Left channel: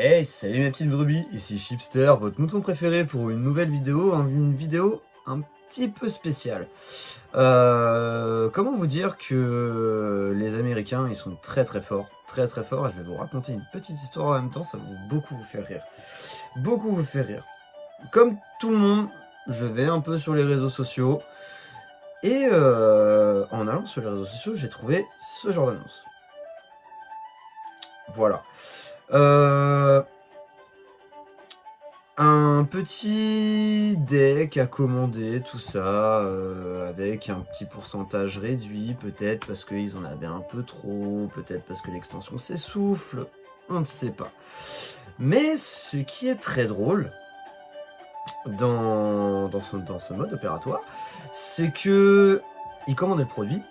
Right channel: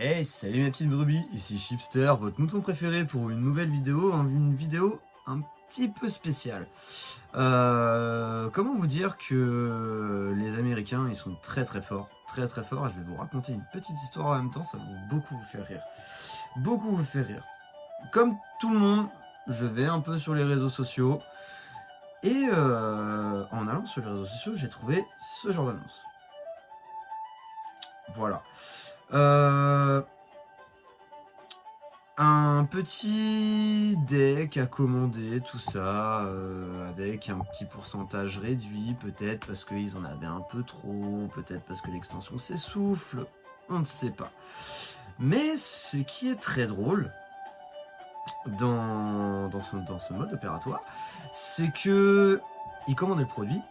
Hey, salut mes petites brebis, ici Chipster, votre mouton préféré pour une nouvelle vidéo, une vidéo un petit peu spéciale. Comment vous dire que les Américains, ils sont très forts, très forts, et je vais vous raconter une petite histoire en même temps, ça va beaucoup vous faire rire. Beaucoup vous faire rire. Comme tout le monde, je vais un peu sur les réseaux sociaux, et en allant sur les réseaux sociaux, j'ai trouvé ce genre d'annonce. Voilà. Un petit deck à commander, tout ça, avec un petit pourcentage réduit, peut-être parce qu'ils en avaient un peu trop, peut-être parce que l'extension s'essouffle, on ne sait pas. Mais ce qui est très drôle dans ce mode opératoire, c'est que ils commandaient le produit,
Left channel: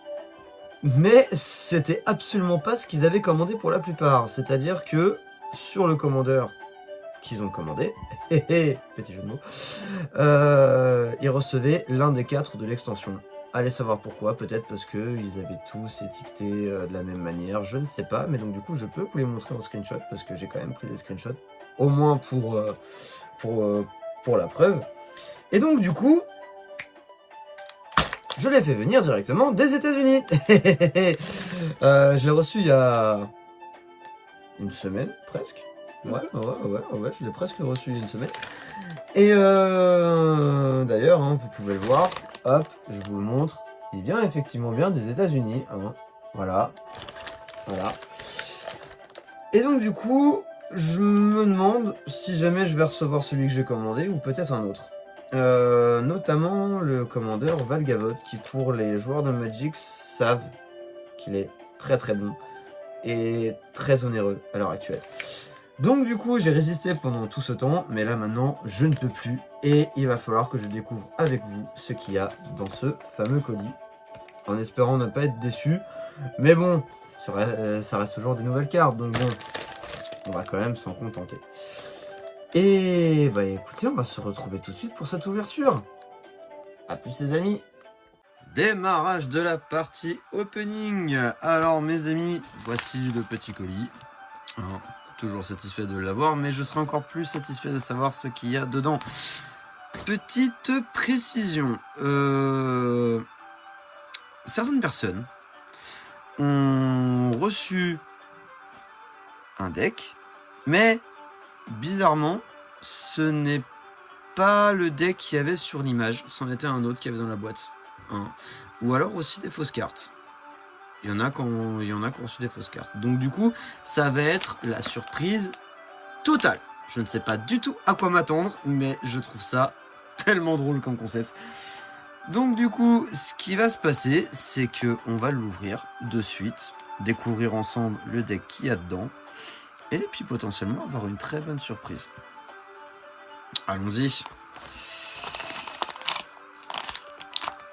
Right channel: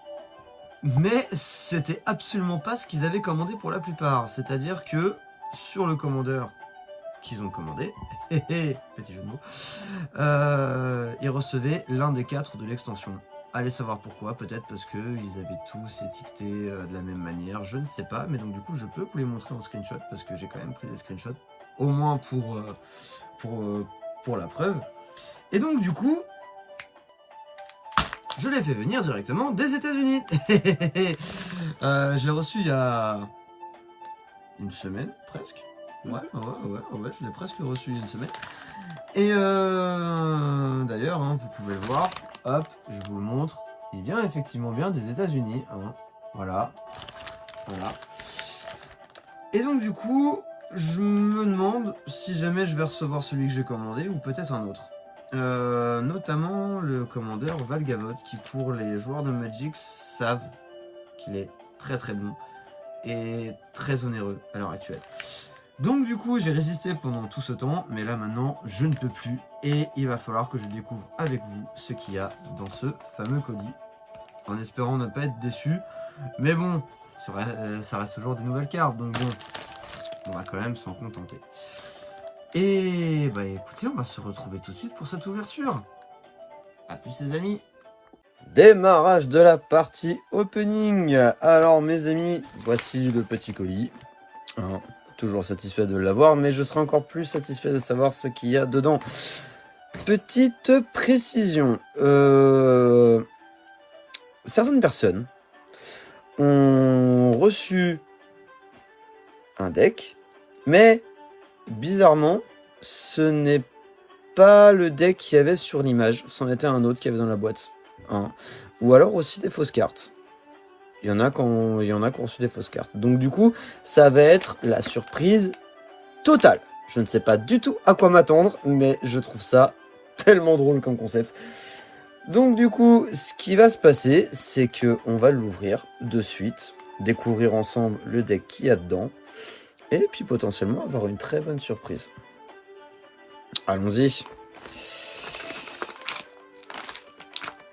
mais c'était absolument pas ce qu'ils avaient commandé pour la plupart. C'est-à-dire que sur le commandeur qu'ils ont commandé, petit jeu de mots, ils recevaient l'un des 4 de l'extension. Allez savoir pourquoi, peut-être parce qu'ils avaient tous étiqueté de la même manière, je ne sais pas, mais donc du coup je peux vous les montrer en screenshot, parce que j'ai quand même pris des screenshots, au moins pour la preuve. Et donc du coup, je l'ai fait venir directement des États-Unis. Je l'ai reçu il y a une semaine, presque. Ouais, je l'ai presque reçu il y a une semaine. Et d'ailleurs, hein, vous pouvez le voir, hop, je vous le montre, il vient effectivement bien des États-Unis, hein, voilà. Et donc du coup, je me demande si jamais je vais recevoir celui que j'ai commandé ou peut-être un autre. Notamment le commandeur Valgavoth, qui pour les joueurs de Magic savent qu'il est très bon et très onéreux à l'heure actuelle. Donc du coup j'ai résisté pendant tout ce temps, mais là maintenant je ne peux plus et il va falloir que je découvre avec vous ce qu'il y a dans ce fameux colis, en espérant ne pas être déçu, mais bon, ça reste toujours des nouvelles cartes, donc bon, on va quand même s'en contenter. Et bah écoutez, on va se retrouver tout de suite pour cette ouverture. A plus les amis. Démarrage de la partie opening. Alors mes amis, voici le petit colis. Alors, toujours satisfait de l'avoir, mais je serai encore plus satisfait de savoir ce qu'il y a dedans. Petite précision. Certaines personnes ont reçu un deck, mais bizarrement, ce n'est pas le deck qu'il y avait sur l'image, c'en était un autre qu'il y avait dans la boîte. Hein. Ou alors aussi des fausses cartes. Il y en a qui ont reçu des fausses cartes. Donc du coup, ça va être la surprise totale. Je ne sais pas du tout à quoi m'attendre, mais je trouve ça tellement drôle comme concept. Donc du coup, ce qui va se passer, c'est que on va l'ouvrir de suite, découvrir ensemble le deck qu'il y a dedans, et puis potentiellement avoir une très bonne surprise. Allons-y.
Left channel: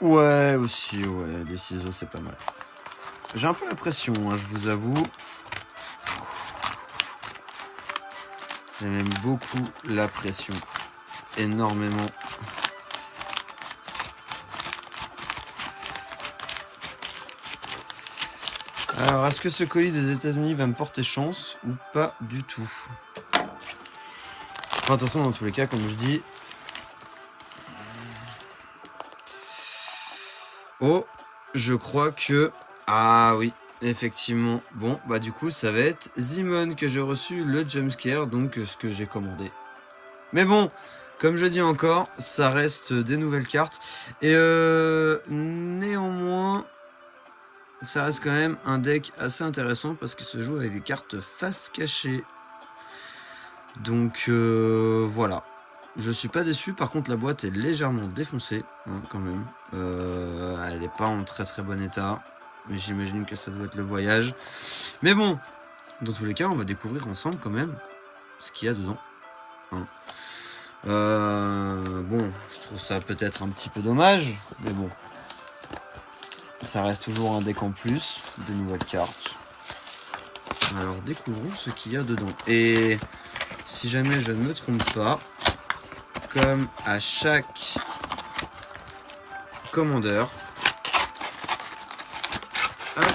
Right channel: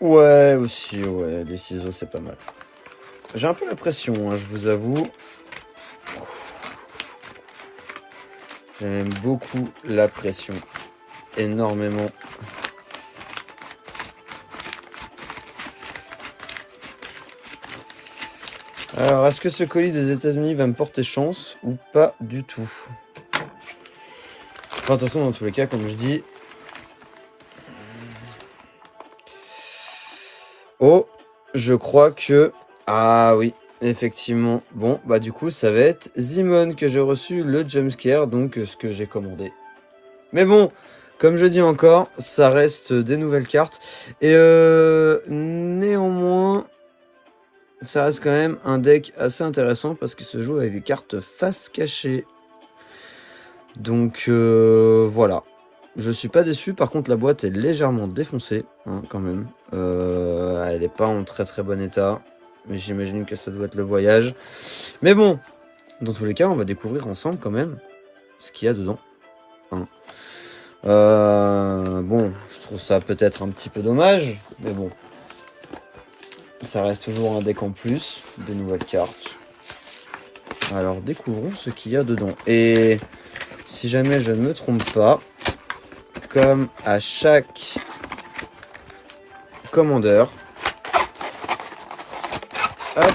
Ouais, aussi, ouais, les ciseaux, c'est pas mal. J'ai un peu la pression, hein, je vous avoue. J'aime beaucoup la pression. Énormément. Alors, est-ce que ce colis des États-Unis va me porter chance ou pas du tout? Enfin, de toute façon, dans tous les cas, comme je dis... Oh, je crois que... Ah oui, effectivement. Bon, bah du coup, ça va être Zimon que j'ai reçu, le jumpscare, donc ce que j'ai commandé. Mais bon, comme je dis encore, ça reste des nouvelles cartes. Et néanmoins, ça reste quand même un deck assez intéressant parce qu'il se joue avec des cartes face cachée. Donc voilà. Je suis pas déçu, par contre la boîte est légèrement défoncée, hein, quand même. Elle n'est pas en très bon état. Mais j'imagine que ça doit être le voyage. Mais bon, dans tous les cas, on va découvrir ensemble quand même ce qu'il y a dedans. Hein. Bon, je trouve ça peut-être un petit peu dommage, mais bon. Ça reste toujours un deck en plus, de nouvelles cartes. Alors découvrons ce qu'il y a dedans. Et si jamais je ne me trompe pas, comme à chaque commandeur, hop,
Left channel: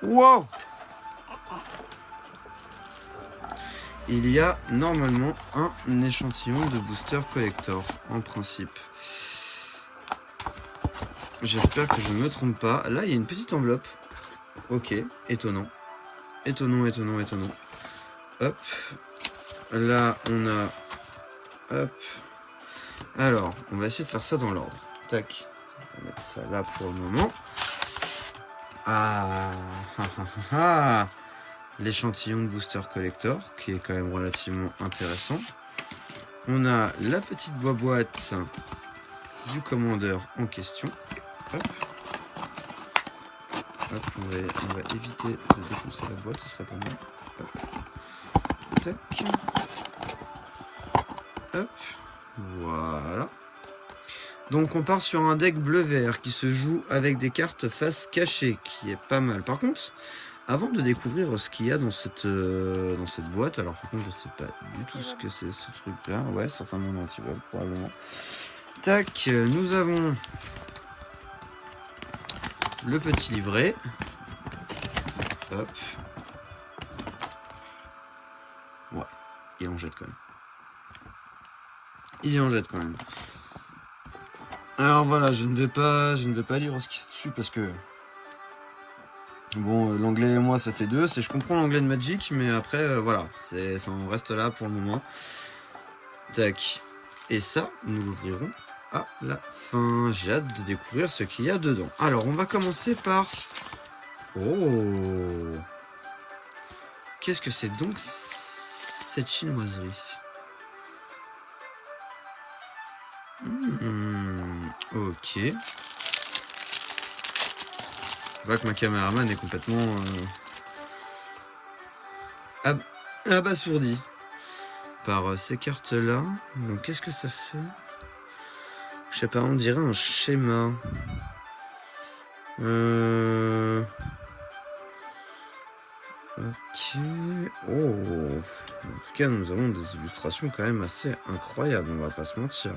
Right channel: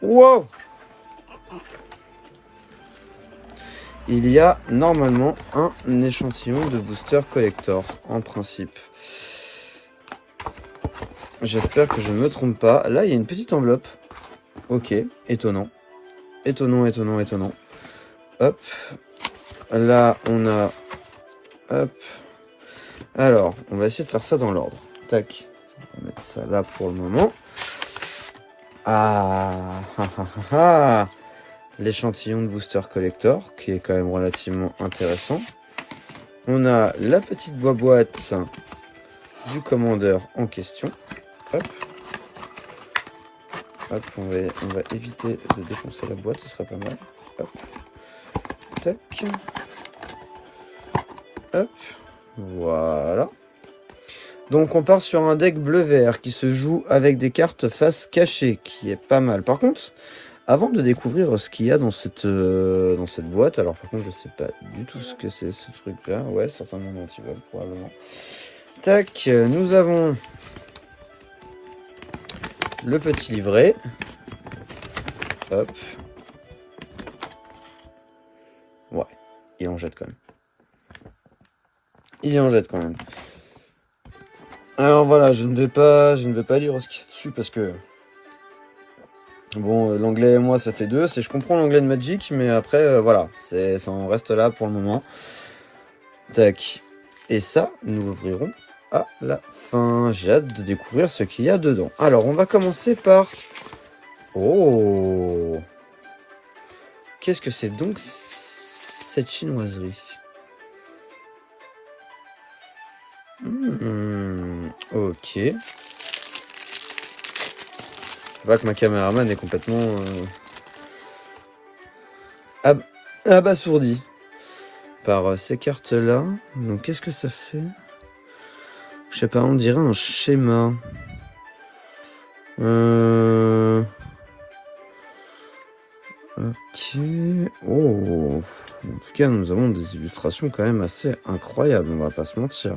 wow, il y a normalement un échantillon de booster collector, en principe. J'espère que je ne me trompe pas. Là, il y a une petite enveloppe. Ok, étonnant. Étonnant. Hop. Là, on a... Hop. Alors, on va essayer de faire ça dans l'ordre. Tac. On va mettre ça là pour le moment. L'échantillon de booster collector, qui est quand même relativement intéressant. On a la petite boîte du commandeur en question. Hop. Hop, on va éviter de défoncer la boîte, ce serait pas mal. Hop. Tac. Hop. Voilà. Donc on part sur un deck bleu-vert qui se joue avec des cartes face cachée, qui est pas mal. Par contre, avant de découvrir ce qu'il y a dans cette boîte, alors par contre je sais pas du tout ce que c'est ce truc-là. Ouais, certainement dans le probablement. Tac, nous avons le petit livret. Hop. Ouais, il en jette quand même. Alors voilà, je ne vais pas lire ce qu'il y a dessus parce que bon, l'anglais et moi ça fait deux. Je comprends l'anglais de Magic, mais après voilà, ça en reste là pour le moment. Tac. Et ça, nous l'ouvrirons à la fin. J'ai hâte de découvrir ce qu'il y a dedans. Alors, on va commencer par... Oh! Qu'est-ce que c'est donc cette chinoiserie? Ok. Je vois que ma caméraman est complètement abasourdi par ces cartes-là. Donc, qu'est-ce que ça fait? Je sais pas, on dirait un schéma. Ok. Oh. En tout cas, nous avons des illustrations quand même assez incroyables, on va pas se mentir.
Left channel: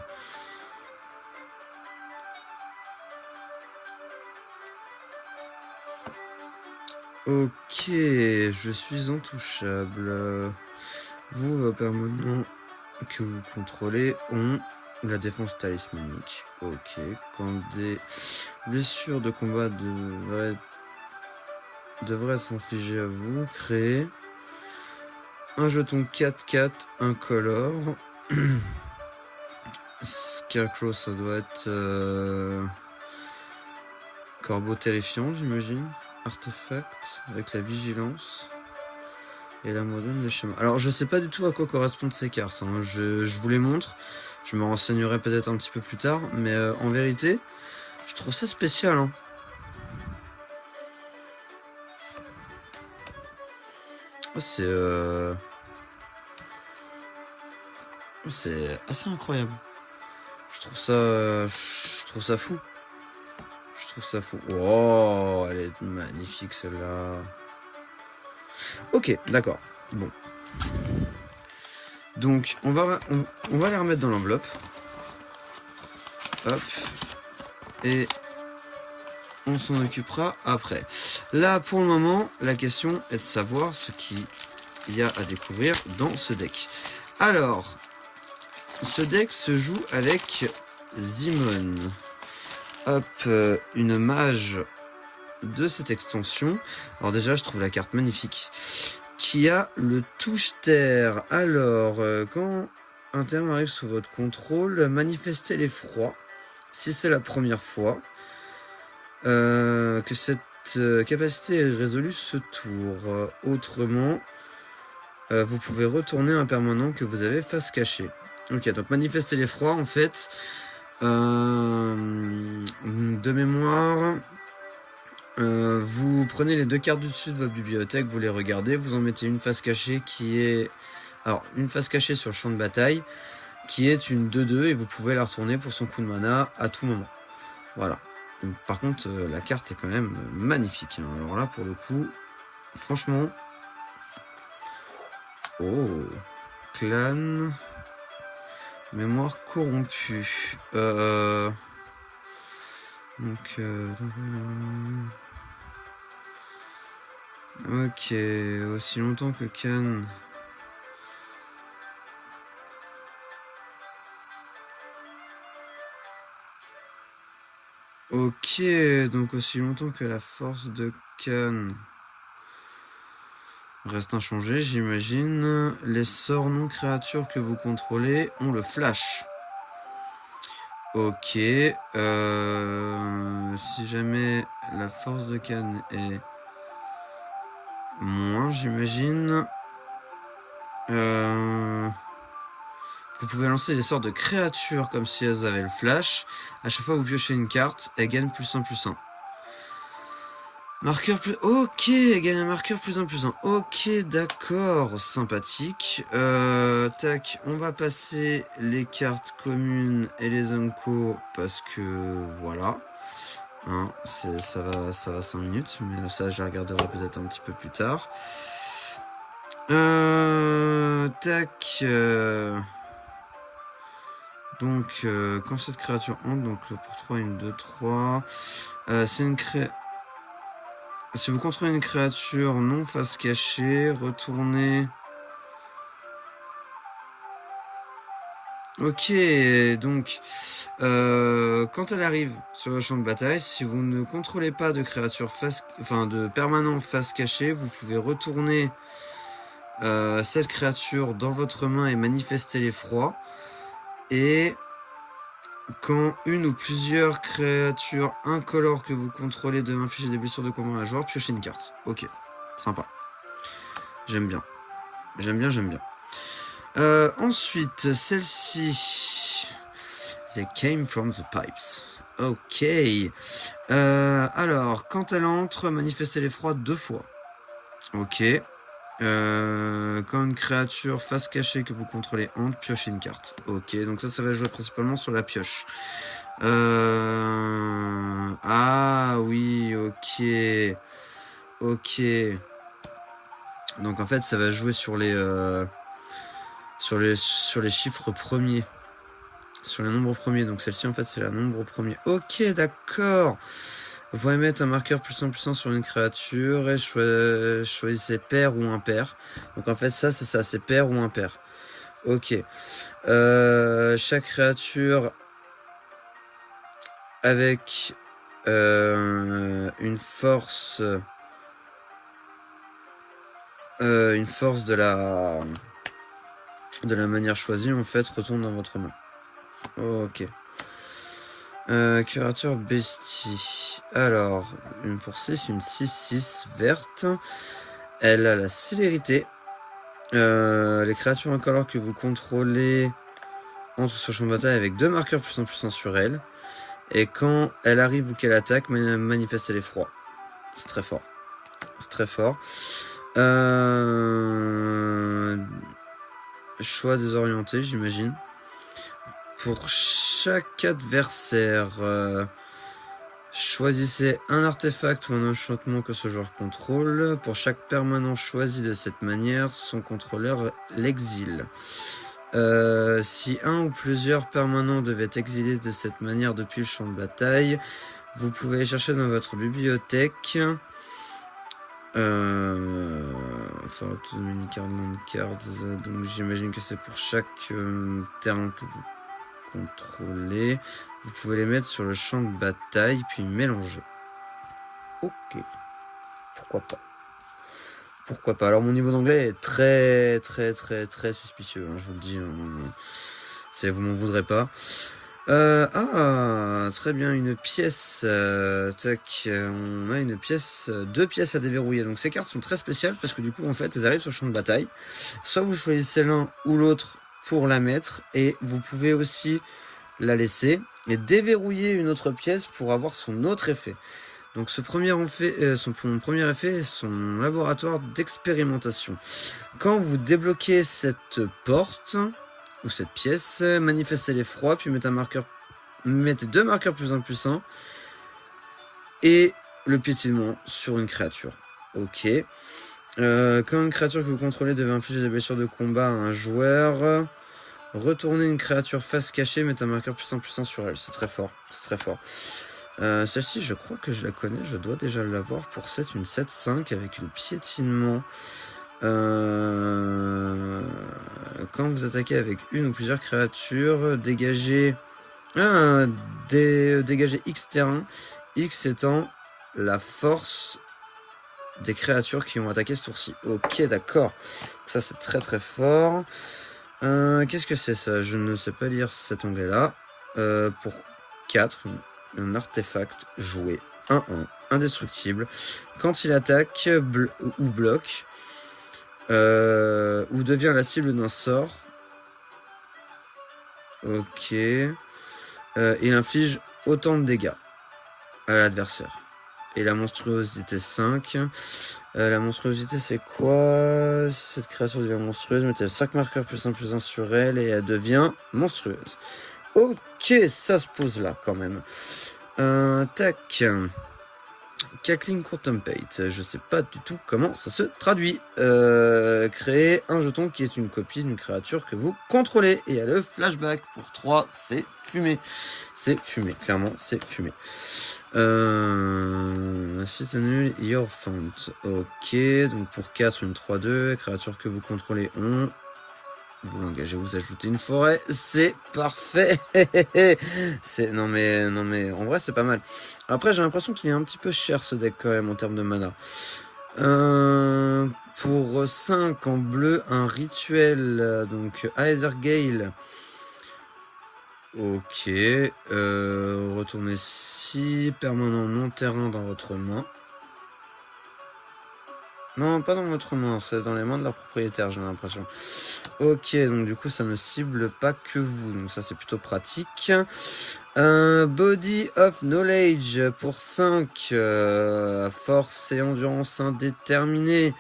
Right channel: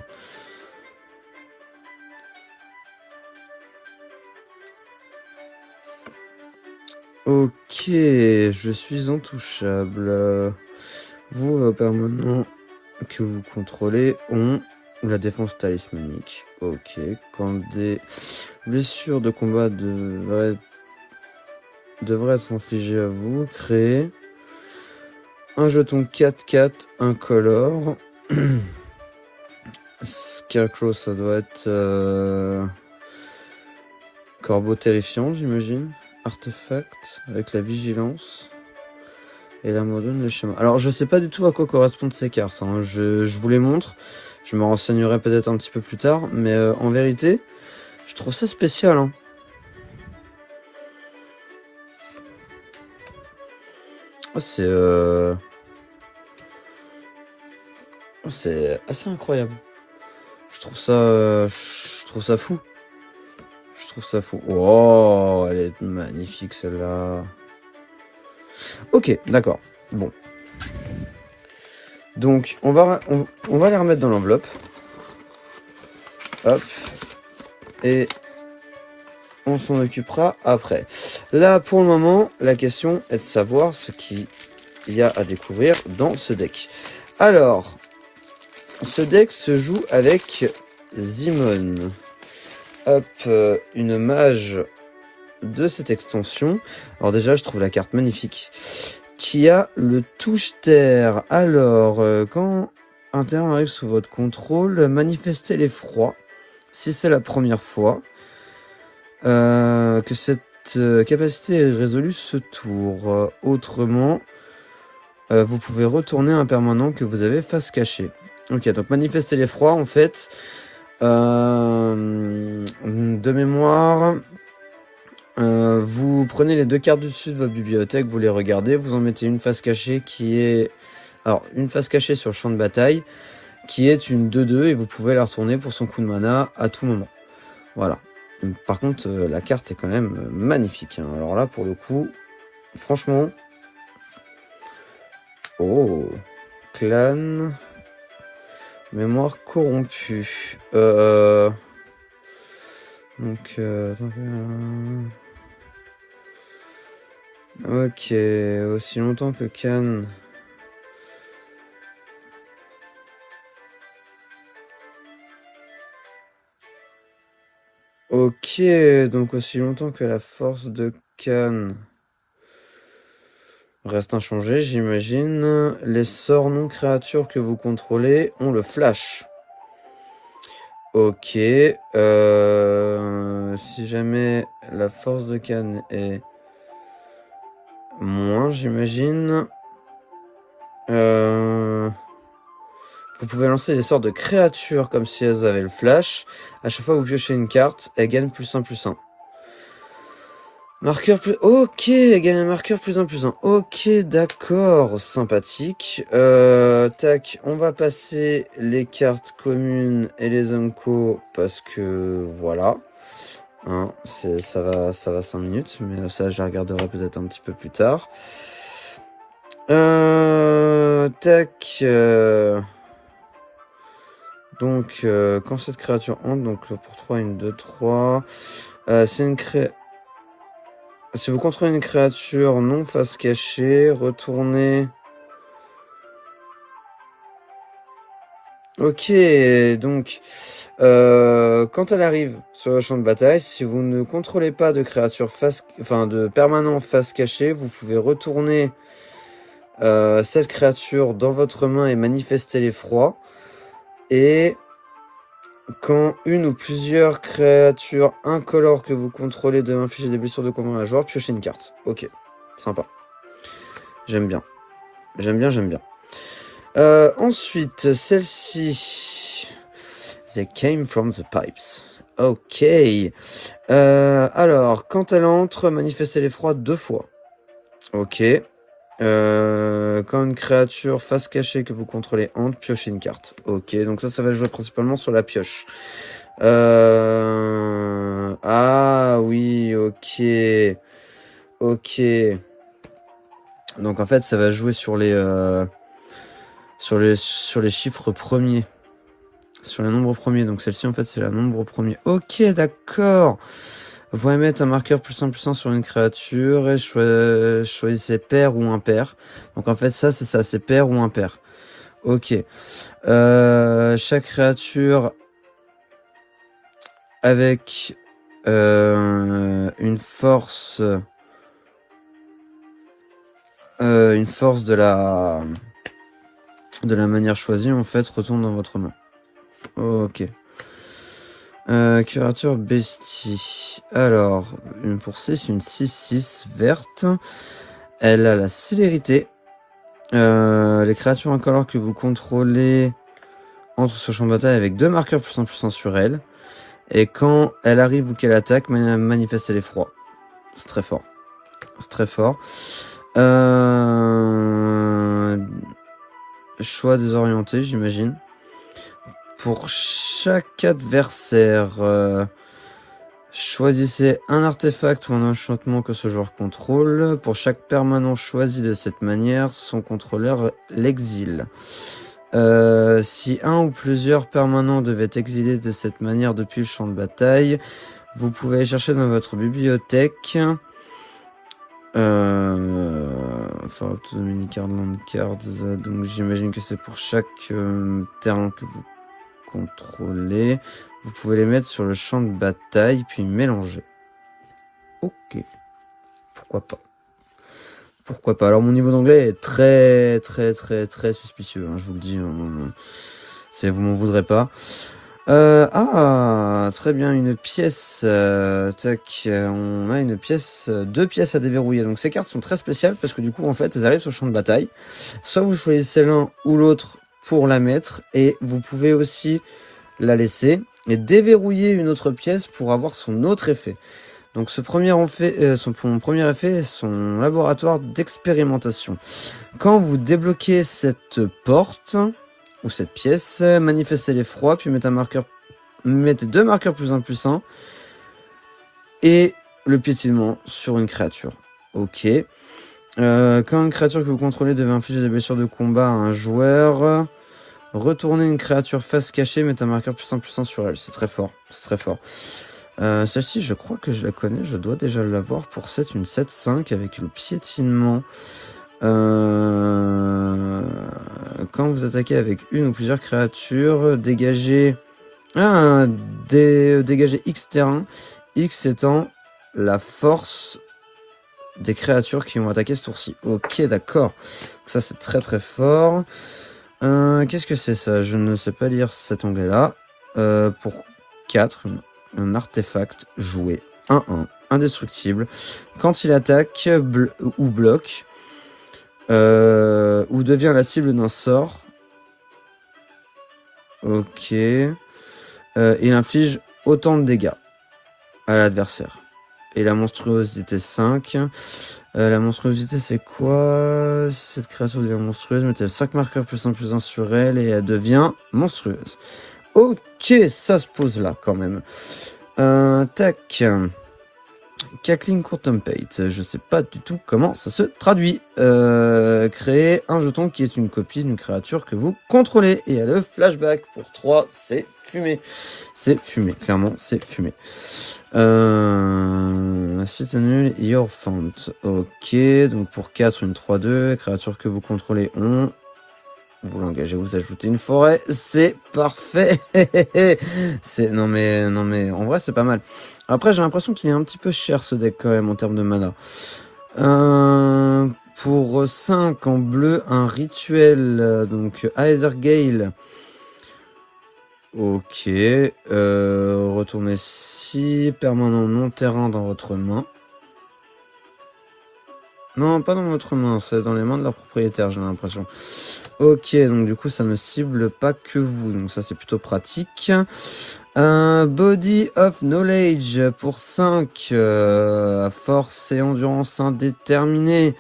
Ok, je suis intouchable. Vous, vos permanents que vous contrôlez ont la défense talismanique. Ok, quand des blessures de combat devraient être infligées à vous, créez un jeton 4/4 incolore. Scarecrow, ça doit être corbeau terrifiant, j'imagine. Artefact avec la vigilance. Et là, me donne le schéma. Alors, je sais pas du tout à quoi correspondent ces cartes. Hein. Je vous les montre. Je me renseignerai peut-être un petit peu plus tard. Mais en vérité, je trouve ça spécial. Hein. Oh, c'est assez incroyable. Je trouve ça fou. Oh, elle est magnifique celle-là. Ok, d'accord. Bon. Donc, on va les remettre dans l'enveloppe. Hop. Et on s'en occupera après. Là, pour le moment, la question est de savoir ce qu'il y a à découvrir dans ce deck. Alors, ce deck se joue avec Zimon. Hop, une mage de cette extension. Alors déjà, je trouve la carte magnifique. Qui a le touche-terre. Alors, quand un terrain arrive sous votre contrôle, manifestez l'effroi. Si c'est la première fois que cette capacité est résolue ce tour. Autrement, vous pouvez retourner un permanent que vous avez face cachée. Ok, donc manifester l'effroi, en fait, de mémoire, vous prenez les deux cartes du dessus de votre bibliothèque, vous les regardez, vous en mettez une face cachée qui est... Alors, une face cachée sur le champ de bataille, qui est une 2/2, et vous pouvez la retourner pour son coup de mana à tout moment. Voilà. Par contre, la carte est quand même magnifique. Hein. Alors là, pour le coup, franchement... Oh, clan... Mémoire corrompue. Donc... Ok, aussi longtemps que Khan Ok, donc aussi longtemps que la force de Cannes reste inchangée, j'imagine. Les sorts non créatures que vous contrôlez ont le flash. Ok. Si jamais la force de Cannes est moins, j'imagine. Vous pouvez lancer des sorts de créatures comme si elles avaient le flash. À chaque fois que vous piochez une carte, elles gagnent +1/+1. Marqueur plus... Ok, elle gagne un marqueur +1/+1. Ok, d'accord, sympathique. Tac, on va passer les cartes communes et les unco parce que voilà. Hein, ça va 5 minutes, mais ça je regarderai peut-être un petit peu plus tard. Tac. Donc, quand cette créature entre, donc pour 3, 1, 2, 3. C'est une Si vous contrôlez une créature non face cachée, retournez. Ok, donc quand elle arrive sur le champ de bataille, si vous ne contrôlez pas de créature de permanent face cachée, vous pouvez retourner cette créature dans votre main et manifester l'effroi. Et quand une ou plusieurs créatures incolores que vous contrôlez de infliger des blessures de combat à un joueur, piochez une carte. Ok, sympa. J'aime bien. J'aime bien. Ensuite, celle-ci. They came from the pipes. Ok. Alors, quand elle entre, manifestez l'effroi 2 fois. Ok. Quand une créature face cachée que vous contrôlez entre, piochez une carte. Ok, donc ça va jouer principalement sur la pioche. Ah oui, ok. Ok. Donc en fait, ça va jouer sur les chiffres premiers. Sur les nombres premiers. Donc celle-ci, en fait, c'est la nombre premier. Ok, d'accord. Vous pouvez mettre un marqueur +1/+1 sur une créature et choisissez pair ou impair. Donc en fait, ça, c'est ça, c'est pair ou impair. Ok. Chaque créature avec une force de la manière choisie, en fait, retourne dans votre main. Ok. Créature bestie. Alors, une pour 6, une 6/6 verte. Elle a la célérité. Les créatures incolores que vous contrôlez entrent sur le champ de bataille avec 2 marqueurs +1/+1 sur elle. Et quand elle arrive ou qu'elle attaque, manifeste l'effroi. C'est très fort. C'est très fort. Choix désorienté, j'imagine. Pour chaque adversaire, choisissez un artefact ou un enchantement que ce joueur contrôle. Pour chaque permanent choisi de cette manière, son contrôleur l'exile. Si un ou plusieurs permanents devaient exiler de cette manière depuis le champ de bataille, vous pouvez aller chercher dans votre bibliothèque Autonomy Card, Land Cards, donc j'imagine que c'est pour chaque terrain que vous contrôlez. Vous pouvez les mettre sur le champ de bataille puis mélanger. Ok. Pourquoi pas. Alors mon niveau d'anglais est très suspicieux, hein, je vous le dis. Vous m'en voudrez pas. Très bien, une pièce. Tac, on a une pièce, 2 pièces à déverrouiller. Donc ces cartes sont très spéciales parce que du coup, en fait, elles arrivent sur le champ de bataille. Soit vous choisissez l'un ou l'autre pour la mettre, et vous pouvez aussi la laisser et déverrouiller une autre pièce pour avoir son autre effet. Donc son premier effet est son laboratoire d'expérimentation. Quand vous débloquez cette porte ou cette pièce, manifestez l'effroi, puis mettez 2 marqueurs +1/+1 et le piétinement sur une créature. Ok. Quand une créature que vous contrôlez devait infliger des blessures de combat à un joueur, retournez une créature face cachée, mettez un marqueur +1/+1 sur elle. C'est très fort. C'est très fort. Celle-ci, je crois que je la connais. Je dois déjà l'avoir pour 7, une 7/5 avec le piétinement. Quand vous attaquez avec une ou plusieurs créatures, dégagez Ah, dégager X terrain. X étant la force des créatures qui ont attaqué ce tour-ci. Ok, d'accord. Ça, c'est très très fort. Qu'est-ce que c'est ça? Je ne sais pas lire cet onglet-là. Pour 4, un artefact joué 1-1, indestructible. Quand il attaque ou bloque, ou devient la cible d'un sort. Ok. Il inflige autant de dégâts à l'adversaire. Et la monstruosité 5. La monstruosité, c'est quoi? Si cette créature devient monstrueuse, mettez 5 marqueurs +1/+1 sur elle et elle devient monstrueuse. Ok, ça se pose là quand même. Tac. Cackling Contemplate, je sais pas du tout comment ça se traduit. Créer un jeton qui est une copie d'une créature que vous contrôlez. Et le flashback pour 3, c'est fumé. C'est fumé, clairement, c'est fumé. C'est nul, your font. Ok, donc pour 4, une 3-2, créature que vous contrôlez ont. Vous l'engagez, vous ajoutez une forêt, c'est parfait. Non mais, en vrai c'est pas mal. Après j'ai l'impression qu'il est un petit peu cher ce deck quand même en termes de mana. Pour 5 en bleu, un rituel, donc Aether Gale. Ok, retournez 6 permanents non terrain dans votre main. Non, pas dans votre main, c'est dans les mains de leur propriétaire, j'ai l'impression. Ok, donc du coup, ça ne cible pas que vous, donc ça, c'est plutôt pratique. Body of Knowledge pour 5, force et endurance indéterminée.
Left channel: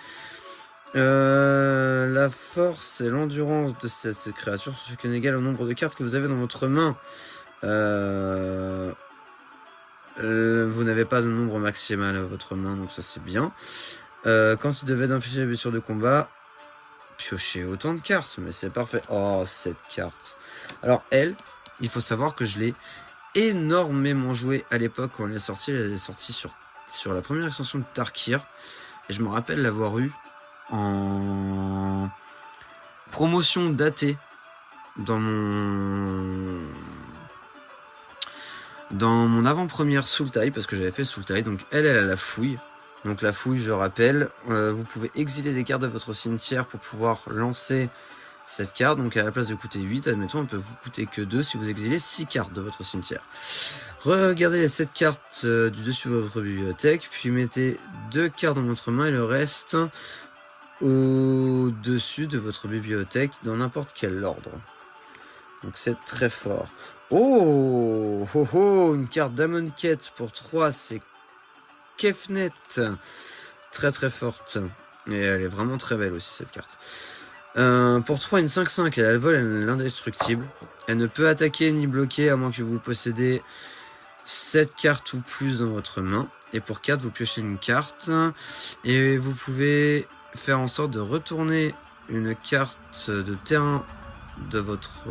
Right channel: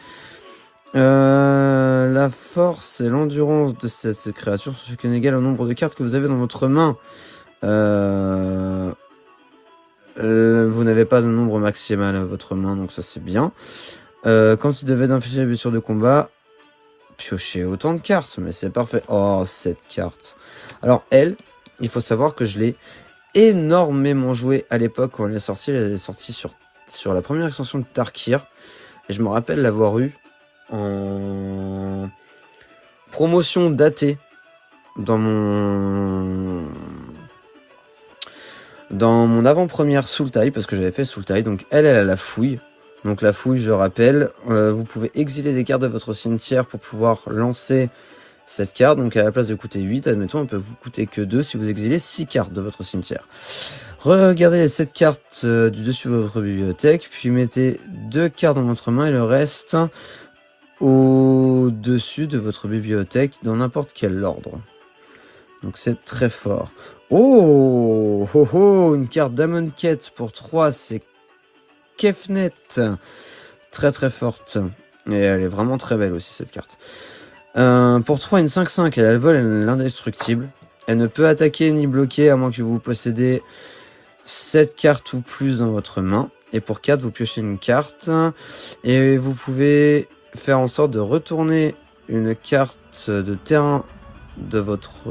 La force et l'endurance de cette créature sont égales au nombre de cartes que vous avez dans votre main. Vous n'avez pas de nombre maximal à votre main, donc ça, c'est bien. Quand il devait infliger les blessures de combat, piocher autant de cartes, mais c'est parfait. Oh, cette carte. Alors, elle, il faut savoir que je l'ai énormément jouée à l'époque quand elle est sortie. Elle est sortie sur la première extension de Tarkir. Et je me rappelle l'avoir eu en promotion datée dans mon avant-première Sultai, parce que j'avais fait Sultai. Donc, elle a la fouille. Donc la fouille, je rappelle, vous pouvez exiler des cartes de votre cimetière pour pouvoir lancer cette carte. Donc à la place de coûter 8, admettons, elle peut vous coûter que 2 si vous exilez 6 cartes de votre cimetière. Regardez les 7 cartes du dessus de votre bibliothèque, puis mettez 2 cartes dans votre main et le reste au-dessus de votre bibliothèque dans n'importe quel ordre. Donc c'est très fort. Oh, oh, oh, une carte d'Amonkhet pour 3, c'est Kefnet, très très forte, et elle est vraiment très belle aussi cette carte. Pour 3, une 5-5, elle vole, elle est l'indestructible. Elle ne peut attaquer ni bloquer à moins que vous possédez 7 cartes ou plus dans votre main. Et pour 4, vous piochez une carte, et vous pouvez faire en sorte de retourner une carte de terrain de votre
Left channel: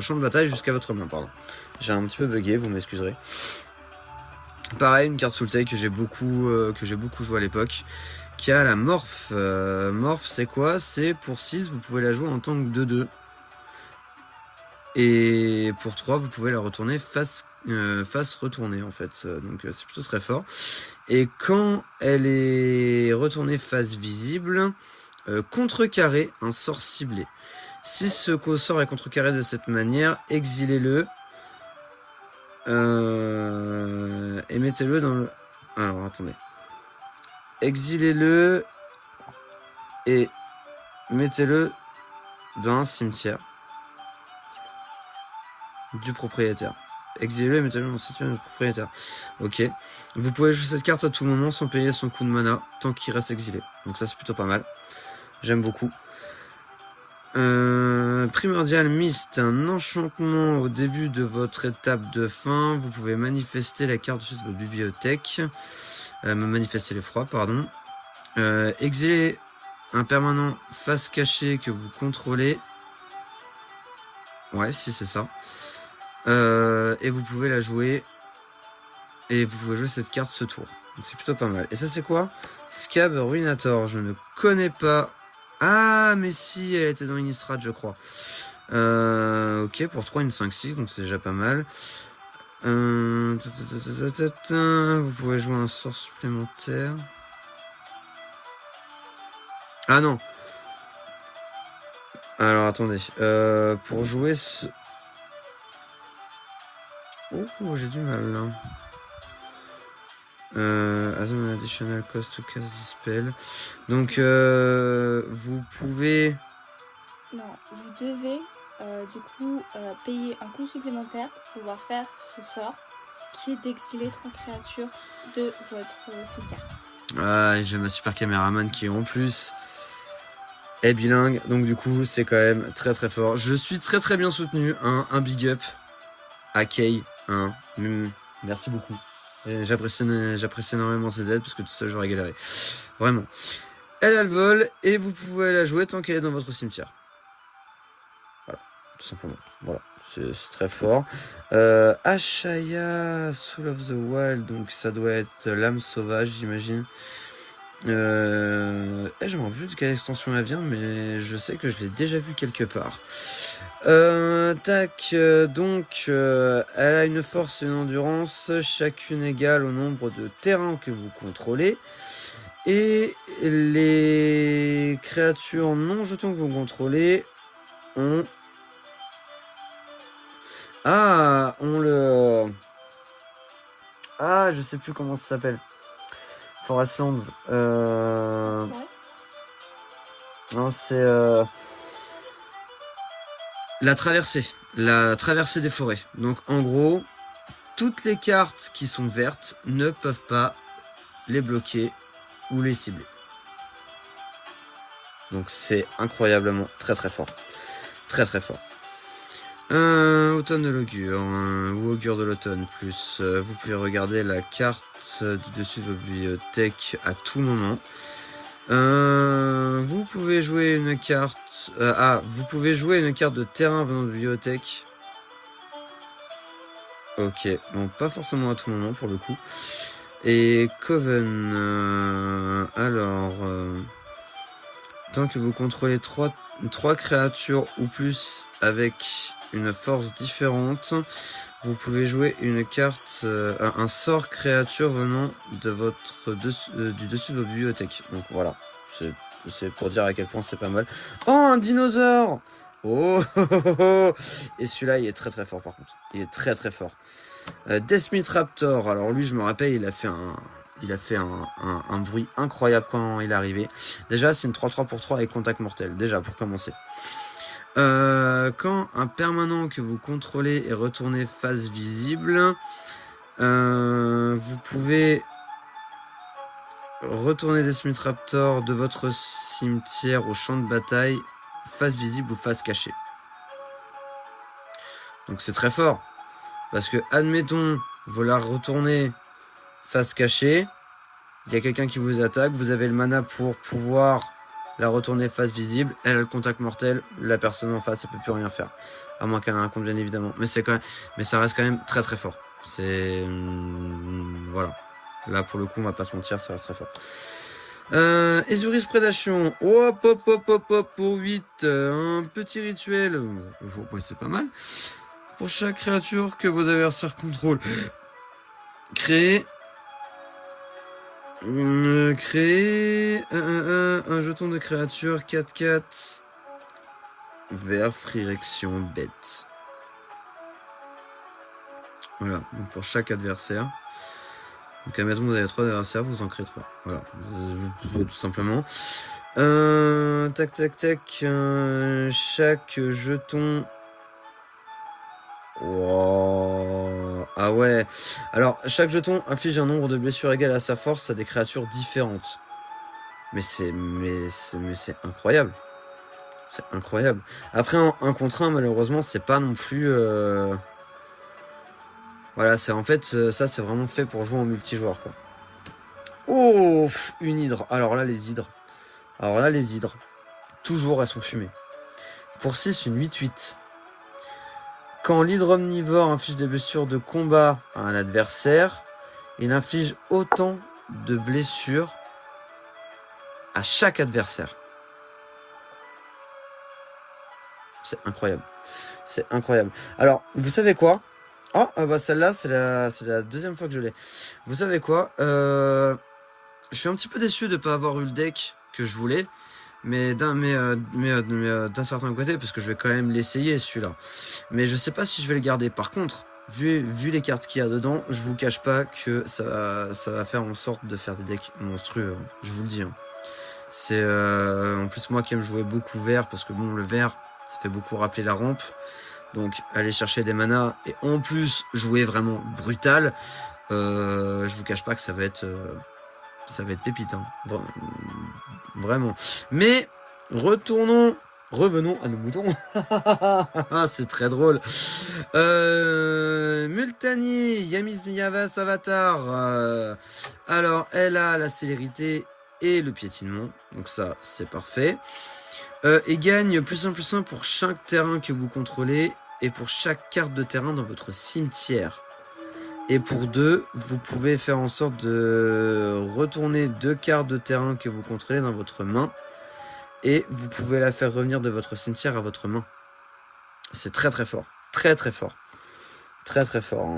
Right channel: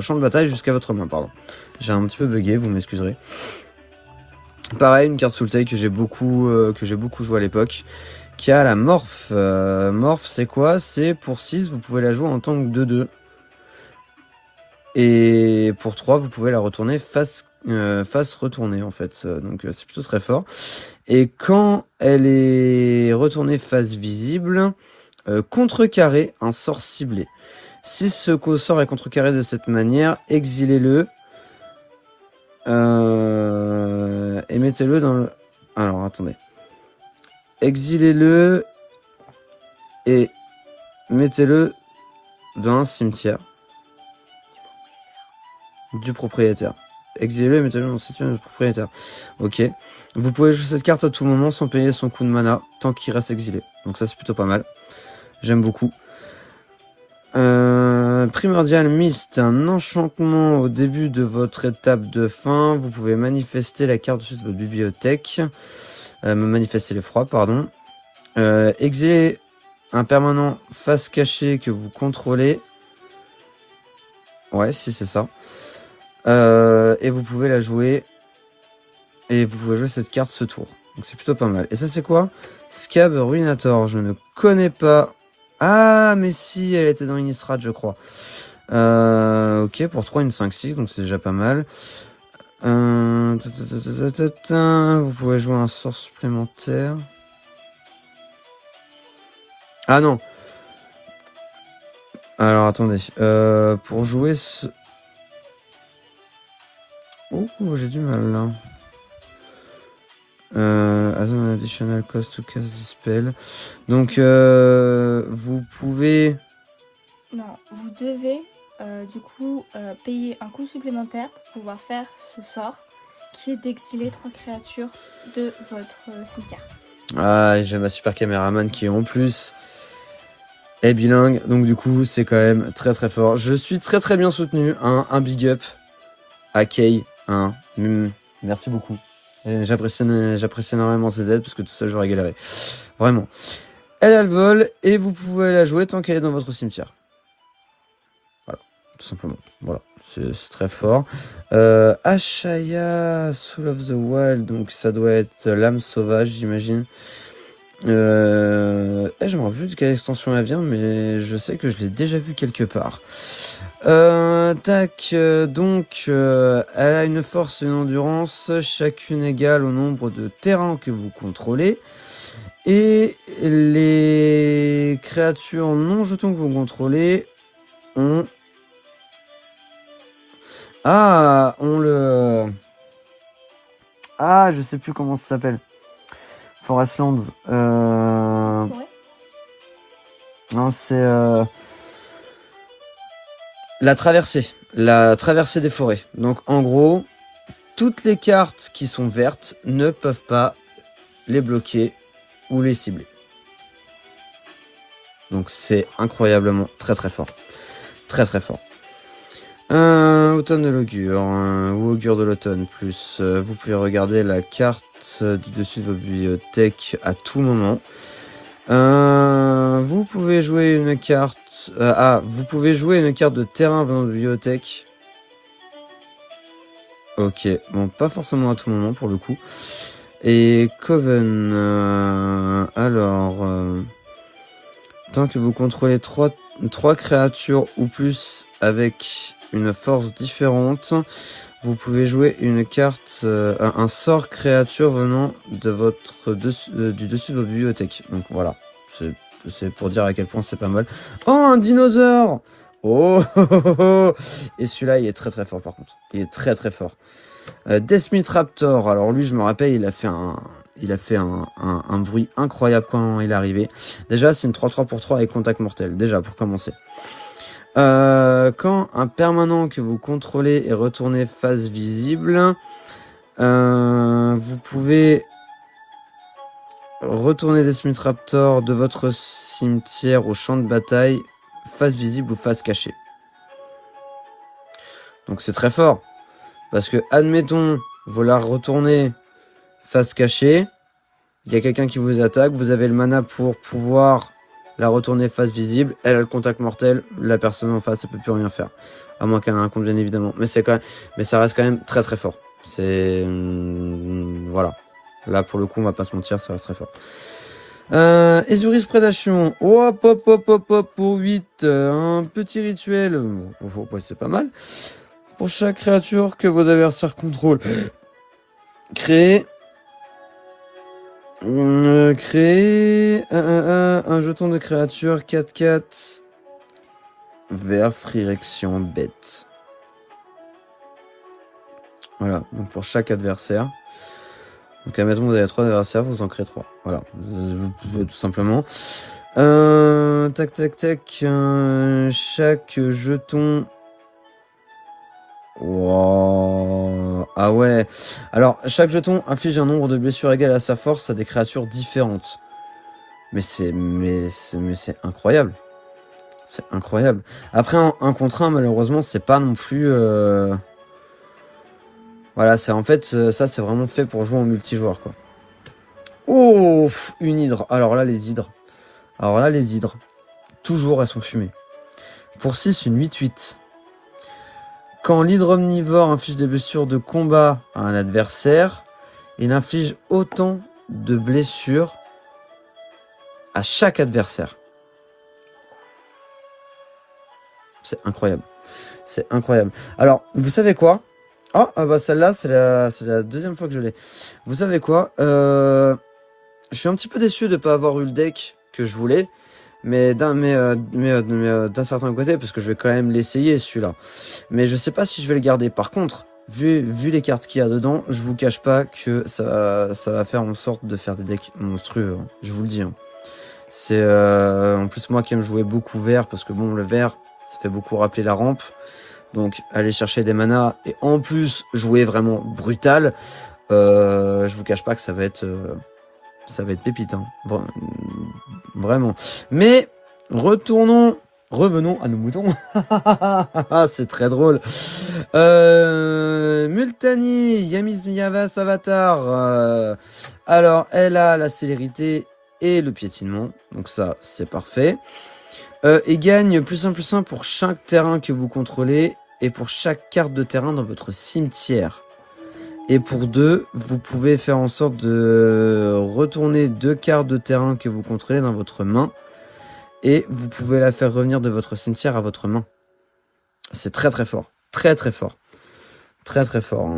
champ de bataille jusqu'à votre main, pardon. J'ai un petit peu bugué, vous m'excuserez. Pareil, une carte Sultai que j'ai beaucoup joué à l'époque, qui a la Morph. Morph, c'est quoi? C'est pour 6, vous pouvez la jouer en tant que 2-2. Et pour 3, vous pouvez la retourner face retournée, en fait. Donc c'est plutôt très fort. Et quand elle est retournée face visible, contrecarrer un sort ciblé. Si ce sort est contrecarré de cette manière, exilez-le. Et mettez-le dans le... Alors, attendez. Exilez-le et mettez-le dans un cimetière du propriétaire. Exilez-le et mettez-le dans un cimetière du propriétaire. Ok. Vous pouvez jouer cette carte à tout moment sans payer son coût de mana tant qu'il reste exilé. Donc ça, c'est plutôt pas mal. J'aime beaucoup. Primordial Mist, un enchantement au début de votre étape de fin. Vous pouvez manifester la carte dessus de votre bibliothèque. Manifester l'effroi, pardon. Exiler un permanent face cachée que vous contrôlez. Ouais, si c'est ça. Et vous pouvez la jouer. Et vous pouvez jouer cette carte ce tour. Donc c'est plutôt pas mal. Et ça c'est quoi? Scab Ruinator, je ne connais pas. Ah, mais si, elle était dans Innistrad, je crois. Ok, pour 3, une 5-6, donc c'est déjà pas mal. Vous pouvez jouer un sort supplémentaire. Ah non. Alors attendez. Pour jouer ce... Oh, j'ai du mal là. As an additional cost to cast this spell. Donc vous pouvez... Non, vous devez du coup payer un coût supplémentaire pour pouvoir faire ce sort qui est d'exiler 3 créatures de votre cimetière. Ah, j'ai ma super caméraman qui en plus est bilingue, donc du coup c'est quand même très très fort. Je suis très très bien soutenu, hein, un big up à Kay, hein. Merci beaucoup. J'apprécie énormément ses aides parce que tout ça j'aurais galéré. Vraiment. Elle a le vol et vous pouvez la jouer tant qu'elle est dans votre cimetière. Voilà, tout simplement. Voilà, c'est très fort. Ashaya, Soul of the Wild, donc ça doit être l'âme sauvage, j'imagine. Je me rappelle plus de quelle extension elle vient, mais je sais que je l'ai déjà vu quelque part. Donc, elle a une force et une endurance, chacune égale au nombre de terrains que vous contrôlez. Et les créatures non jetons que vous contrôlez ont... Ah, on le... Ah, je sais plus comment ça s'appelle. Forestlands. Non, c'est... La traversée des forêts. Donc en gros, toutes les cartes qui sont vertes ne peuvent pas les bloquer ou les cibler. Donc c'est incroyablement très très fort. Très très fort. Automne de l'augure, ou augure de l'automne, plus vous pouvez regarder la carte du dessus de votre bibliothèque à tout moment. Vous pouvez jouer une carte... vous pouvez jouer une carte de terrain venant de bibliothèque. Ok, bon, pas forcément à tout moment pour le coup. Et Coven, tant que vous contrôlez 3 créatures ou plus avec une force différente, vous pouvez jouer une carte, un sort créature venant de votre du dessus de vos bibliothèques. Donc voilà, c'est pour dire à quel point c'est pas mal. Oh, un dinosaure! Oh, et celui-là, il est très très fort par contre. Il est très très fort. Deathmith Raptor, alors lui, je me rappelle, il a fait un bruit incroyable quand il est arrivé. Déjà, c'est une 3-3 pour 3 avec contact mortel, déjà, pour commencer. Quand un permanent que vous contrôlez est retourné face visible, vous pouvez retourner Deathmith Raptor de votre cimetière au champ de bataille, face visible ou face cachée. Donc c'est très fort. Parce que, admettons, vous la retournez face cachée, il y a quelqu'un qui vous attaque, vous avez le mana pour pouvoir la retourner face visible, elle a le contact mortel, la personne en face, elle peut plus rien faire. À moins qu'elle ait un compte, bien évidemment. Mais ça reste quand même très très fort. C'est... voilà. Là, pour le coup, on va pas se mentir, ça reste très fort. Ezuris Prédation. Oh, hop, pour 8. Un petit rituel. C'est pas mal. Pour chaque créature que vos adversaires contrôlent, créez un jeton de créature 4/4 vert Frirection bête. Voilà, donc pour chaque adversaire. Donc admettons que vous avez 3 adversaires, vous en créez 3. Voilà, vous pouvez tout simplement. Chaque jeton... Wow. Ah ouais. Alors, chaque jeton inflige un nombre de blessures égal à sa force à des créatures différentes. Mais c'est incroyable. C'est incroyable. Après, un contre un, malheureusement, c'est pas non plus... Voilà, c'est en fait, ça, c'est vraiment fait pour jouer en multijoueur, quoi. Oh, une hydre. Alors là, les hydres. Toujours, elles sont fumées. Pour 6, une 8/8. Quand l'hydre omnivore inflige des blessures de combat à un adversaire, il inflige autant de blessures à chaque adversaire. C'est incroyable. C'est incroyable. Alors, vous savez quoi? Bah celle-là, c'est la deuxième fois que je l'ai. Vous savez quoi? Je suis un petit peu déçu de pas avoir eu le deck que je voulais. Mais d'un certain côté, parce que je vais quand même l'essayer celui-là. Mais je sais pas si je vais le garder. Par contre, vu les cartes qu'il y a dedans, je vous cache pas que ça va faire en sorte de faire des decks monstrueux. Hein. Je vous le dis. Hein. C'est en plus moi qui aime jouer beaucoup vert, parce que bon, le vert, ça fait beaucoup rappeler la rampe. Donc aller chercher des manas et en plus jouer vraiment brutal, je vous cache pas que ça va être pépite, hein. Vraiment. Mais revenons à nos moutons. C'est très drôle. Multani, Yamis Yavas Avatar. Alors, elle a la célérité et le piétinement. Donc ça, c'est parfait. Et gagne +1/+1 pour chaque terrain que vous contrôlez et pour chaque carte de terrain dans votre cimetière. Et pour 2, vous pouvez faire en sorte de retourner 2 cartes de terrain que vous contrôlez dans votre main. Et vous pouvez la faire revenir de votre cimetière à votre main. C'est très très fort. Très très fort. Très très fort.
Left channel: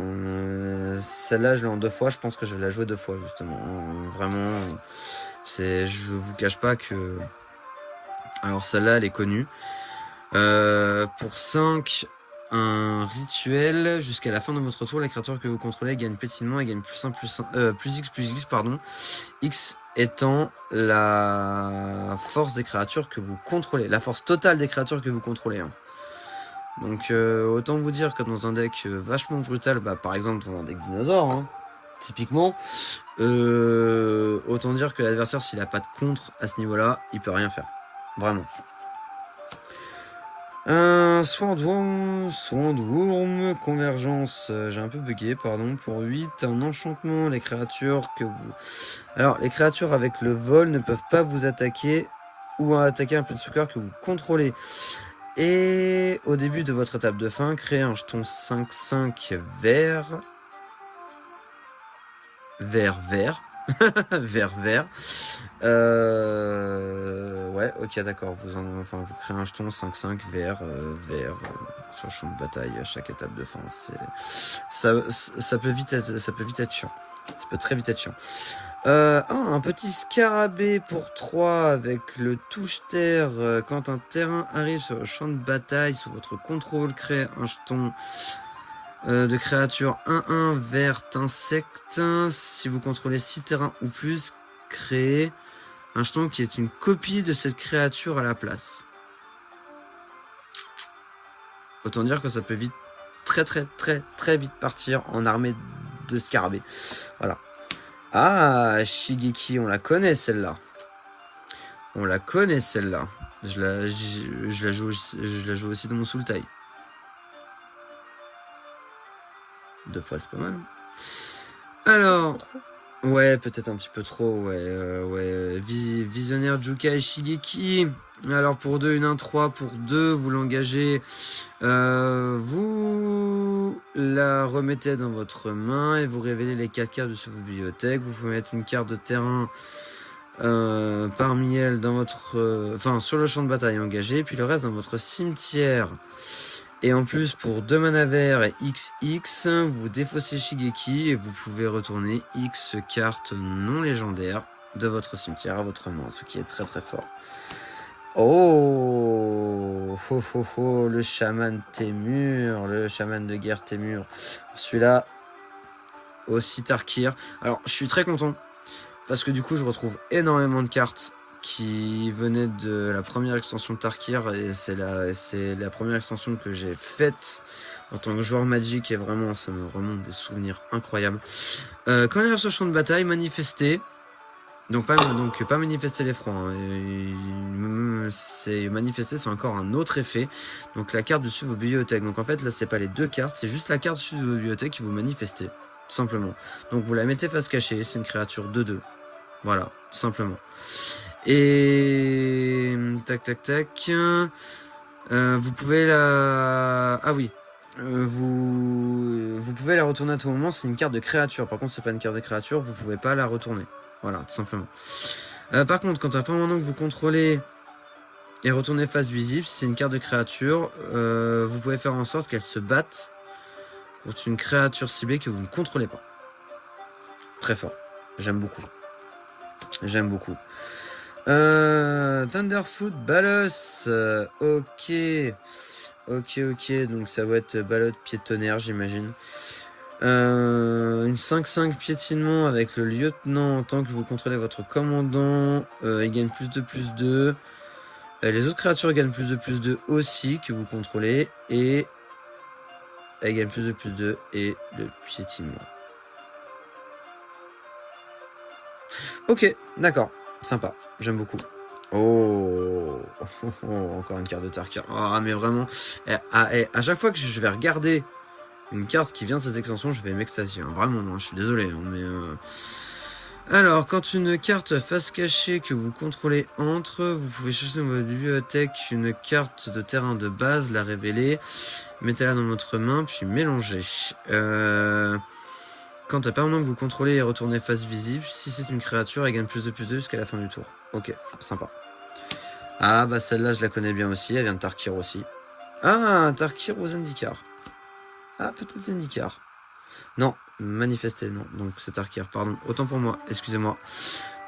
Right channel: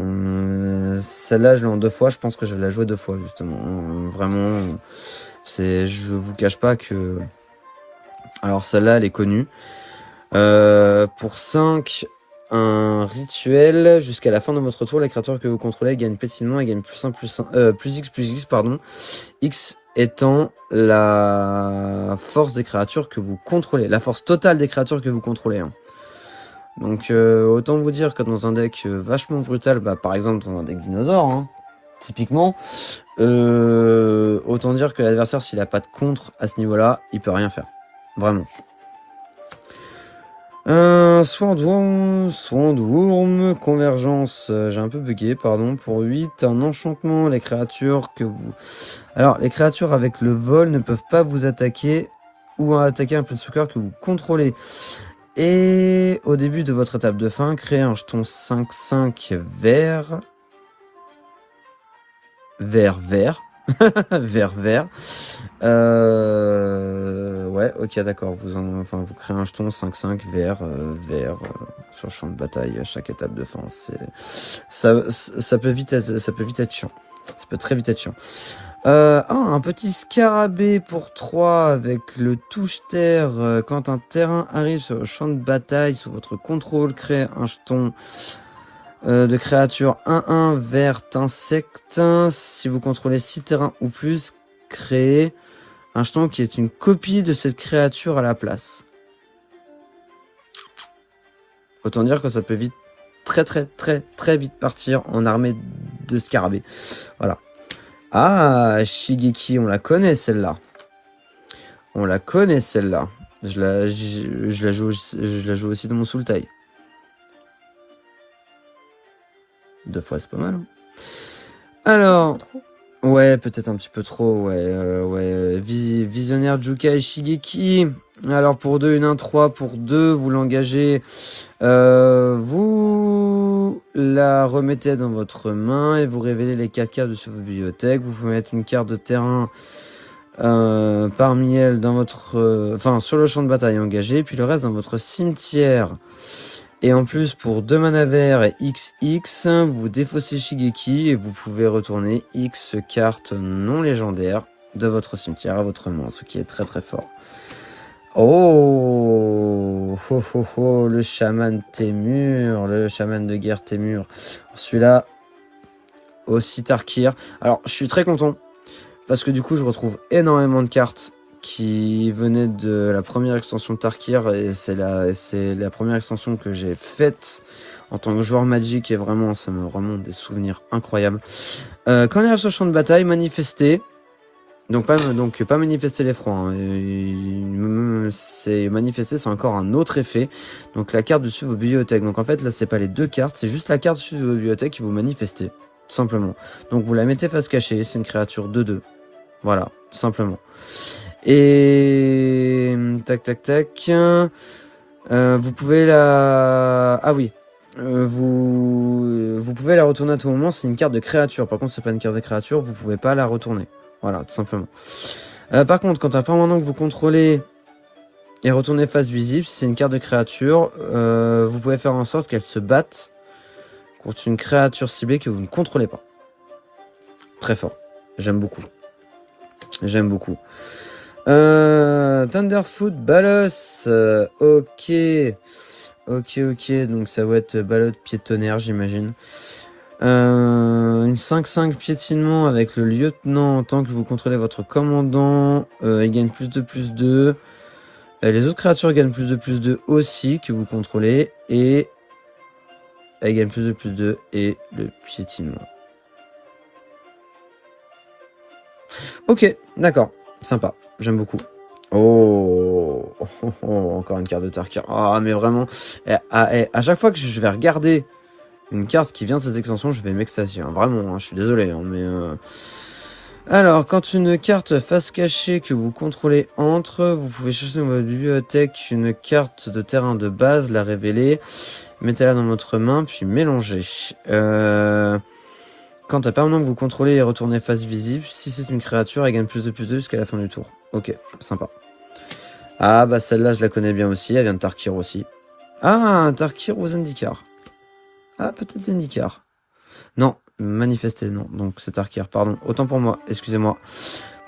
Celle-là, je l'ai en 2 fois. Je pense que je vais la jouer 2 fois, justement. Vraiment, je vous cache pas que... Alors celle-là, elle est connue. Pour 5... Un rituel, jusqu'à la fin de votre tour, la créature que vous contrôlez gagne pétinement et gagne plus X, pardon. X étant la force des créatures que vous contrôlez, la force totale des créatures que vous contrôlez. Hein. Donc autant vous dire que dans un deck vachement brutal, bah, par exemple dans un deck dinosaure, hein, typiquement, autant dire que l'adversaire, s'il a pas de contre à ce niveau-là, il peut rien faire. Vraiment. Swordworm, convergence, j'ai un peu bugué, pardon, pour 8, un enchantement, les créatures que vous... Alors, les créatures avec le vol ne peuvent pas vous attaquer ou attaquer un peu de sous-cœur que vous contrôlez. Et au début de votre étape de fin, créez un jeton 5/5 vert. Vert. Vert. Ouais, ok, d'accord. Vous créez un jeton 5/5 vert, sur champ de bataille à chaque étape de fin. Ça peut vite être chiant. Ça peut très vite être chiant. Un petit scarabée pour 3 avec le touche-terre. Quand un terrain arrive sur le champ de bataille, sous votre contrôle, créez un jeton de créature 1/1 verte insecte. Si vous contrôlez 6 terrains ou plus, créez un jeton qui est une copie de cette créature à la place. Autant dire que ça peut vite, très vite partir en armée de scarabées. Voilà. Ah, Shigeki, on la connaît celle-là. Je la joue aussi dans mon Sultai. 2 fois, c'est pas mal. Alors, ouais, peut-être un petit peu trop, ouais. Visionnaire Jukai Shigeki. Alors, pour 2, une 1/3. Pour 2, vous l'engagez. Vous la remettez dans votre main et vous révélez les 4 cartes de sur votre bibliothèque. Vous pouvez mettre une carte de terrain parmi elles dans votre... sur le champ de bataille engagé, puis le reste dans votre cimetière. Et en plus, pour 2 mana verts et XX, vous défaussez Shigeki et vous pouvez retourner X cartes non légendaires de votre cimetière à votre main, ce qui est très très fort. Oh, le chaman Témur, le chaman de guerre Témur. Celui-là, aussi Tarkir. Alors, je suis très content, parce que du coup, je retrouve énormément de cartes qui venait de la première extension de Tarkir, et c'est la première extension que j'ai faite en tant que joueur Magic, et vraiment ça me remonte des souvenirs incroyables. Quand il arrive sur le champ de bataille, manifester, donc pas manifester l'effroi, hein. C'est manifester, c'est encore un autre effet. Donc la carte dessus de vos bibliothèques. Donc en fait là c'est pas les 2 cartes, c'est juste la carte dessus de vos bibliothèques qui vous manifestez, simplement. Donc vous la mettez face cachée, c'est une créature 2/2. Voilà, simplement. Et tac. Vous pouvez la... Ah oui. Vous pouvez la retourner à tout moment, c'est une carte de créature. Par contre, c'est pas une carte de créature, vous pouvez pas la retourner. Voilà, tout simplement. Par contre, quand un permanent que vous contrôlez Et retournez face visible. Si c'est une carte de créature, vous pouvez faire en sorte qu'elle se batte contre une créature ciblée que vous ne contrôlez pas. Très fort. J'aime beaucoup. J'aime beaucoup. Thunderfoot, Balos. Ok. Ok. Donc ça va être Ballot pied de tonnerre, j'imagine. Une 5-5 piétinement avec le lieutenant en tant que vous contrôlez votre commandant. Il gagne +2/+2. Les autres créatures gagnent +2/+2 aussi que vous contrôlez. Et elles gagnent +2/+2 et le piétinement. Ok, d'accord. Sympa. J'aime beaucoup. Oh, encore une carte de Tarkir. Ah, mais vraiment, à chaque fois que je vais regarder une carte qui vient de cette extension, je vais m'extasier. Hein. Vraiment, hein, je suis désolé, hein, mais... Alors, quand une carte face cachée que vous contrôlez entre, vous pouvez chercher dans votre bibliothèque une carte de terrain de base, la révéler, mettez-la dans votre main, puis mélangez. Quand la permanente que vous contrôlez est retournée face visible, si c'est une créature, elle gagne +2/+2 jusqu'à la fin du tour. Ok, sympa. Ah bah celle-là, je la connais bien aussi, elle vient de Tarkir aussi. Ah, Tarkir ou Zendikar. Ah, peut-être Zendikar. Non, manifesté, non. Donc c'est Tarkir, pardon. Autant pour moi, excusez-moi.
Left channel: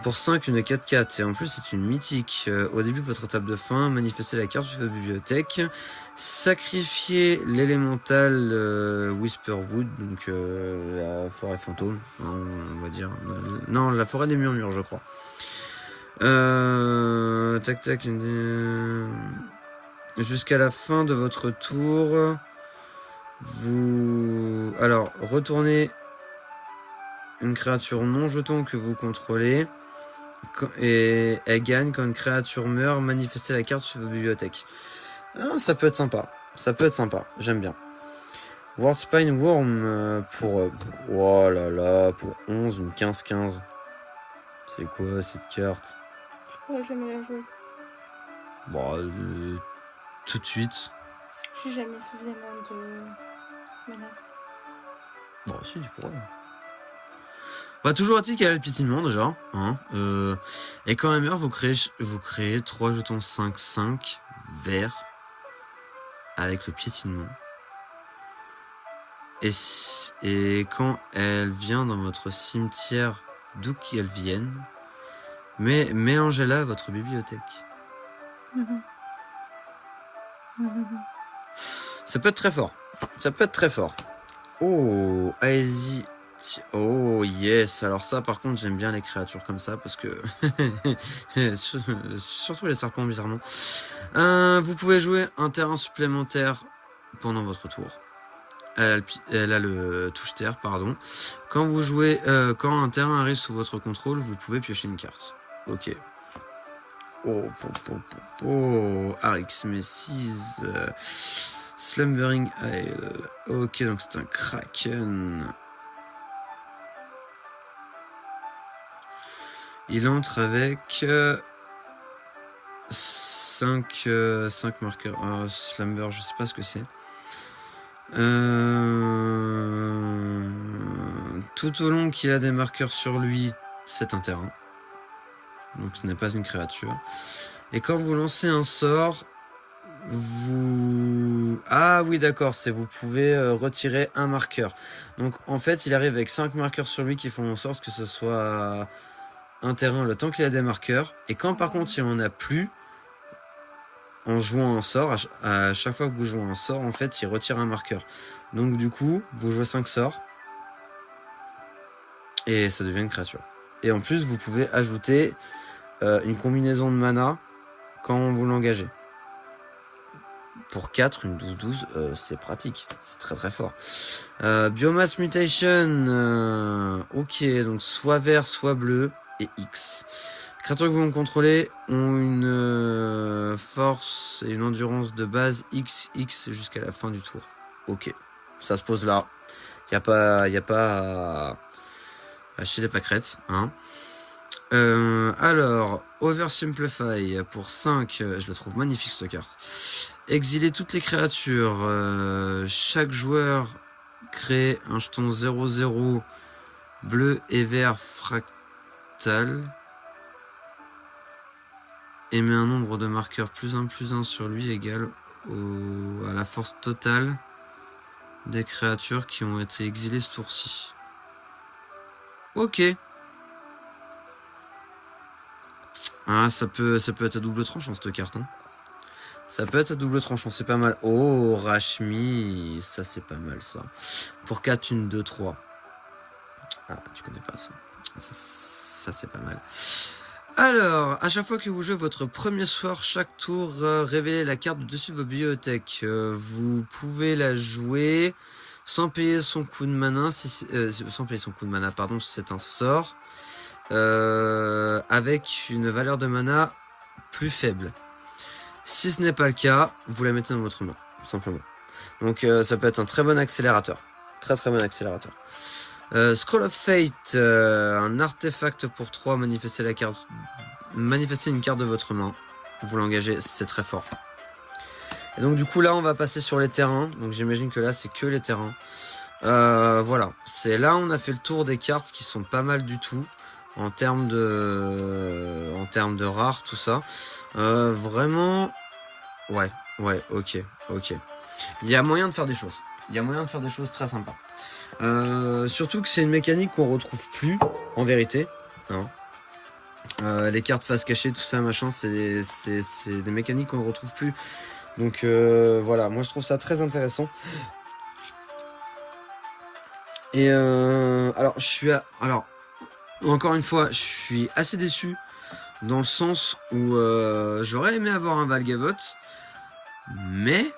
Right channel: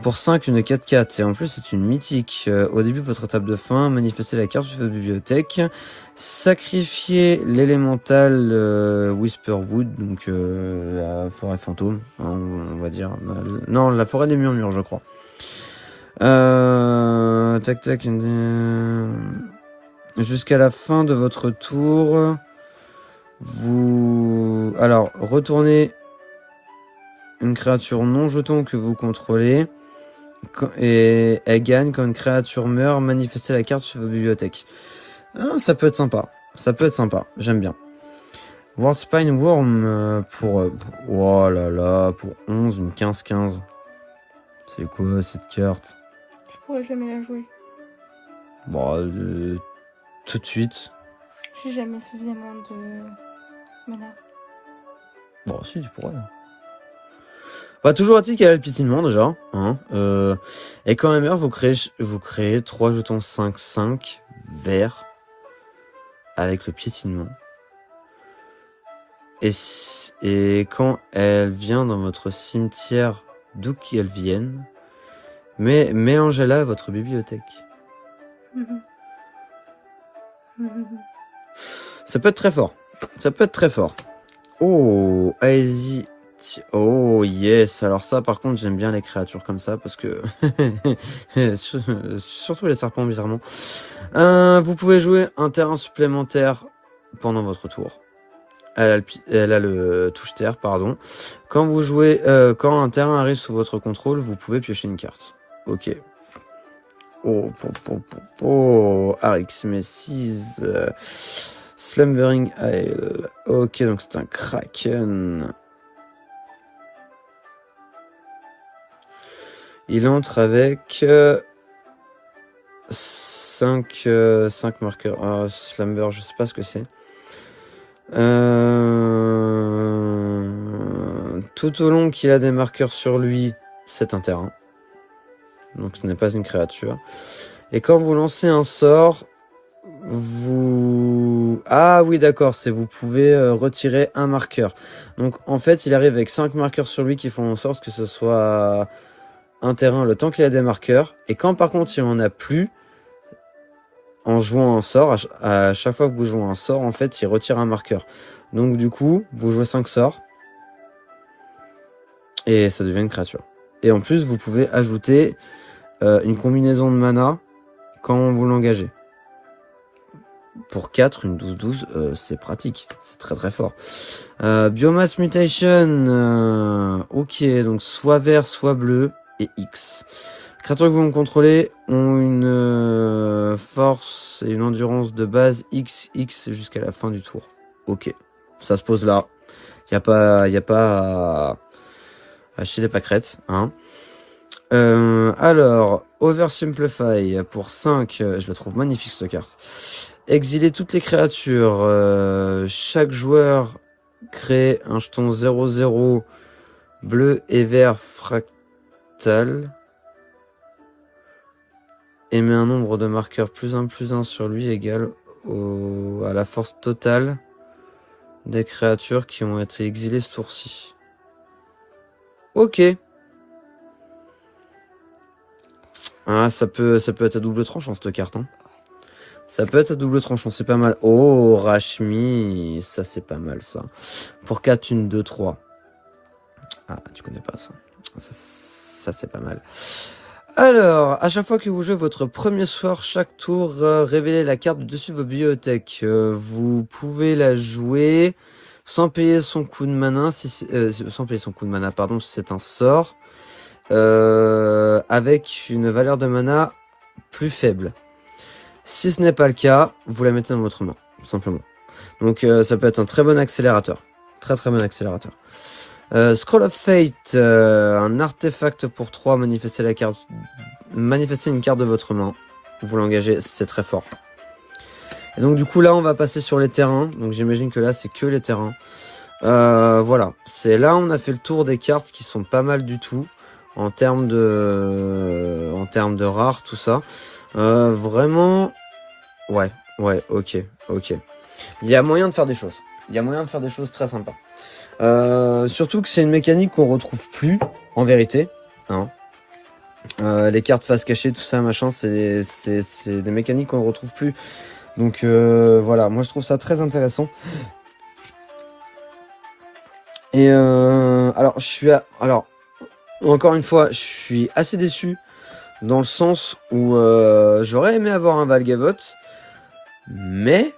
Pour 5, une 4/4. Et en plus, c'est une mythique. Au début de votre étape de fin, manifestez la carte de votre bibliothèque. Sacrifiez l'élémental Whisperwood, donc la forêt fantôme, hein, on va dire. Non, la forêt des murmures, je crois. Tac. Jusqu'à la fin de votre tour, vous... Alors, retournez une créature non jeton que vous contrôlez. Et elle gagne quand une créature meurt, manifestez la carte sur vos bibliothèques. Ah, ça peut être sympa. J'aime bien. Wordspine Worm pour... oh là là, pour 11 ou 15-15. C'est quoi cette carte? Je pourrais jamais la jouer. Bon, tout de suite. J'ai jamais suffisamment de mana. Bon, si, tu pourrais. Bah, toujours est-il qu'elle a le piétinement déjà. Hein, et quand elle meurt, vous créez 3 jetons 5/5 verts avec le piétinement. Et quand elle vient dans votre cimetière, d'où qu'elle vienne, mais mélangez-la à votre bibliothèque. Ça peut être très fort. Oh, allez-y. Oh yes, alors ça par contre j'aime bien les créatures comme ça parce que surtout les serpents bizarrement. Vous pouvez jouer un terrain supplémentaire pendant votre tour. Elle a le touche terre, pardon. Quand vous jouez, quand un terrain arrive sous votre contrôle, vous pouvez piocher une carte. Ok. Oh, Arix Messis, Slumbering Isle. Ok, donc c'est un Kraken. Il entre avec 5 marqueurs. Ah, Slumber, je sais pas ce que c'est. Tout au long qu'il a des marqueurs sur lui, c'est un terrain. Donc ce n'est pas une créature. Et quand vous lancez un sort, vous... Ah oui, d'accord, c'est vous pouvez retirer un marqueur. Donc en fait, il arrive avec 5 marqueurs sur lui qui font en sorte que ce soit un terrain le temps qu'il a des marqueurs. Et quand par contre il en a plus, en jouant un sort, à chaque fois que vous jouez un sort, en fait, il retire un marqueur. Donc du coup, vous jouez 5 sorts. Et ça devient une créature. Et en plus, vous pouvez ajouter une combinaison de mana quand vous l'engagez. Pour 4, une 12-12, c'est pratique. C'est très très fort. Biomass Mutation. Ok, donc soit vert, soit bleu. Et X. Les créatures que vous contrôlez ont une force et une endurance de base XX jusqu'à la fin du tour. Ok. Ça se pose là. Y a pas à chier les pâquerettes. Hein. Alors, Oversimplify pour 5. Je la trouve magnifique cette carte. Exiler toutes les créatures. Chaque joueur crée un jeton 0/0 bleu et vert fractal. émet un nombre de marqueurs +1/+1 sur lui égal à la force totale des créatures qui ont été exilées ce tour-ci. Ok. Ah, ça peut être à double tranchant cette carte. Hein. Ça peut être à double tranchant, c'est pas mal. Oh, Rashmi, ça c'est pas mal ça. Pour 4, 1, 2, 3. Ah, tu connais pas ça. Ça c'est pas mal. Alors, à chaque fois que vous jouez votre premier soir, chaque tour, révélez la carte dessus de vos bibliothèques. Vous pouvez la jouer sans payer son coup de mana, sans payer son coup de mana, pardon, si c'est un sort, avec une valeur de mana plus faible. Si ce n'est pas le cas, vous la mettez dans votre main, simplement. Donc ça peut être un très bon accélérateur. Très très bon accélérateur. Scroll of Fate, un artefact pour 3, manifestez une carte de votre main. Vous l'engagez, c'est très fort. Et donc du coup là on va passer sur les terrains. Donc j'imagine que là c'est que les terrains. Voilà, c'est là on a fait le tour des cartes qui sont pas mal du tout. En termes de rares, tout ça. Vraiment... Ouais, ok. Il y a moyen de faire des choses. Il y a moyen de faire des choses très sympas. Surtout que c'est une mécanique qu'on retrouve plus, en vérité. Hein. Les cartes face cachée, tout ça, machin, c'est des mécaniques qu'on ne retrouve plus. Donc voilà, moi je trouve ça très intéressant. Et alors, encore une fois, je suis assez déçu dans le sens où j'aurais aimé avoir un Valgavoth, mais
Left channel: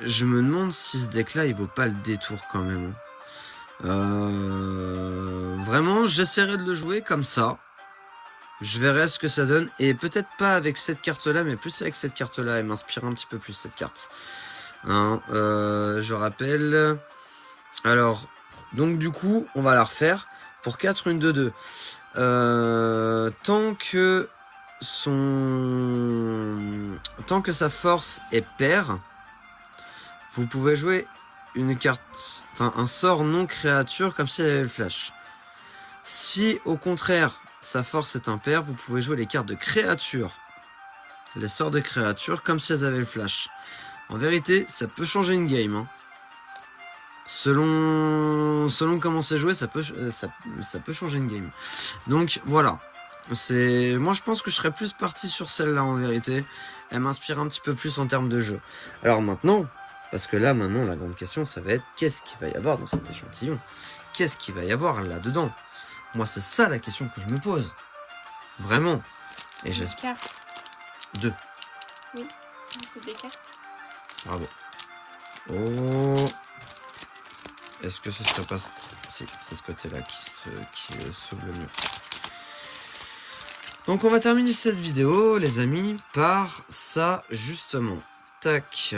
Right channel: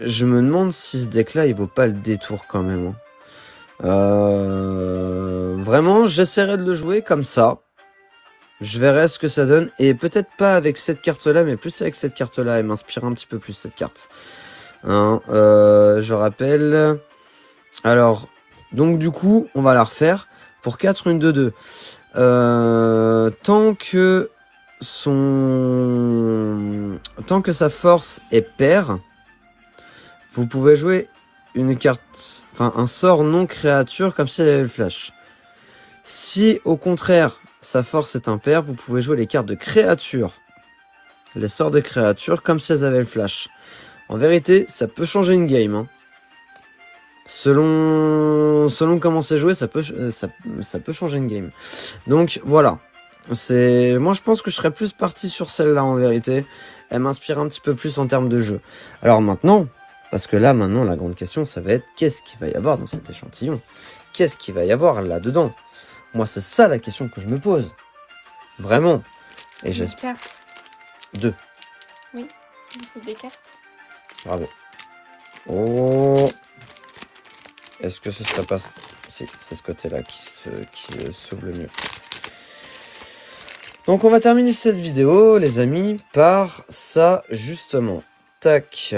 je me demande si ce deck-là, il vaut pas le détour quand même. Vraiment, j'essaierai de le jouer comme ça. Je verrai ce que ça donne. Et peut-être pas avec cette carte-là, mais plus avec cette carte-là. Elle m'inspire un petit peu plus, cette carte. Hein, je rappelle... Alors, donc du coup, on va la refaire. Pour 4, 1, 2, 2. Tant que sa force est paire, vous pouvez jouer une carte, enfin un sort non créature comme si elle avait le flash. Si au contraire sa force est impaire, vous pouvez jouer les cartes de créature, les sorts de créature comme si elles avaient le flash. En vérité, ça peut changer une game. Hein. Selon comment c'est joué, ça peut changer une game. Donc voilà. Moi je pense que je serais plus parti sur celle-là en vérité. Elle m'inspire un petit peu plus en termes de jeu. Alors maintenant, parce que là maintenant la grande question ça va être qu'est-ce qu'il va y avoir dans cet échantillon? Qu'est-ce qu'il va y avoir là-dedans? Moi c'est ça la question que je me pose. Vraiment. Et j'espère. 2. Oui, c'est des cartes. Bravo. Oh. Est-ce que ce serait pas... Si, c'est ce côté-là qui s'ouvre le mieux. Donc on va terminer cette vidéo, les amis, par ça, justement. Tac.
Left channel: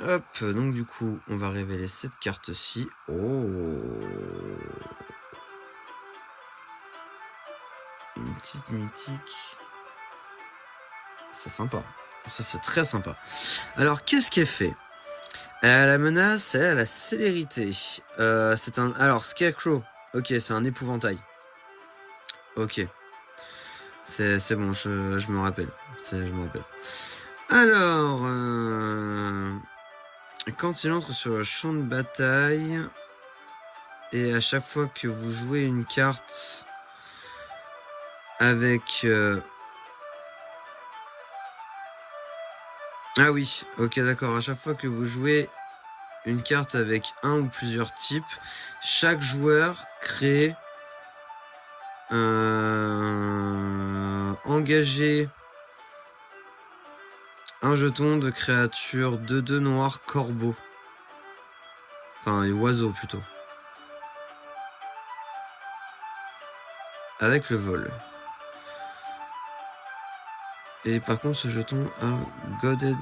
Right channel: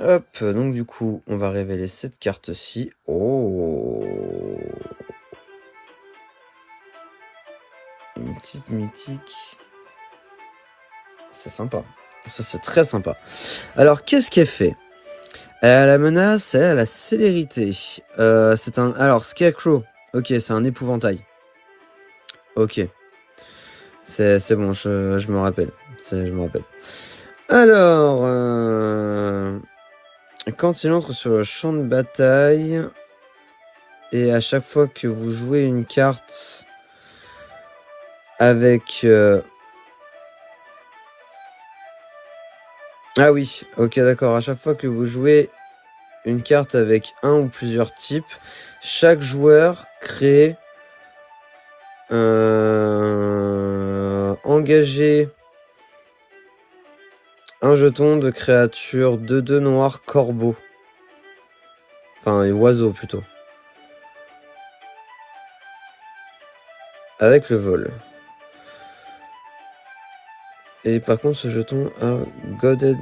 Hop, donc du coup, on va révéler cette carte-ci. Oh. Une petite mythique. C'est sympa. Ça, c'est très sympa. Alors, qu'est-ce qui est fait? La menace, elle a la célérité. C'est un... Alors, Scarecrow. Ok, c'est un épouvantail. Ok. C'est bon, je me rappelle. Je me rappelle. Alors... Quand il entre sur le champ de bataille... Et à chaque fois que vous jouez une carte... Avec... Ah oui, ok d'accord. À chaque fois que vous jouez une carte avec un ou plusieurs types, chaque joueur crée engager un jeton de créature 2/2 noir corbeau. Enfin, oiseau plutôt. Avec le vol. Et par contre, ce jeton a Godhead.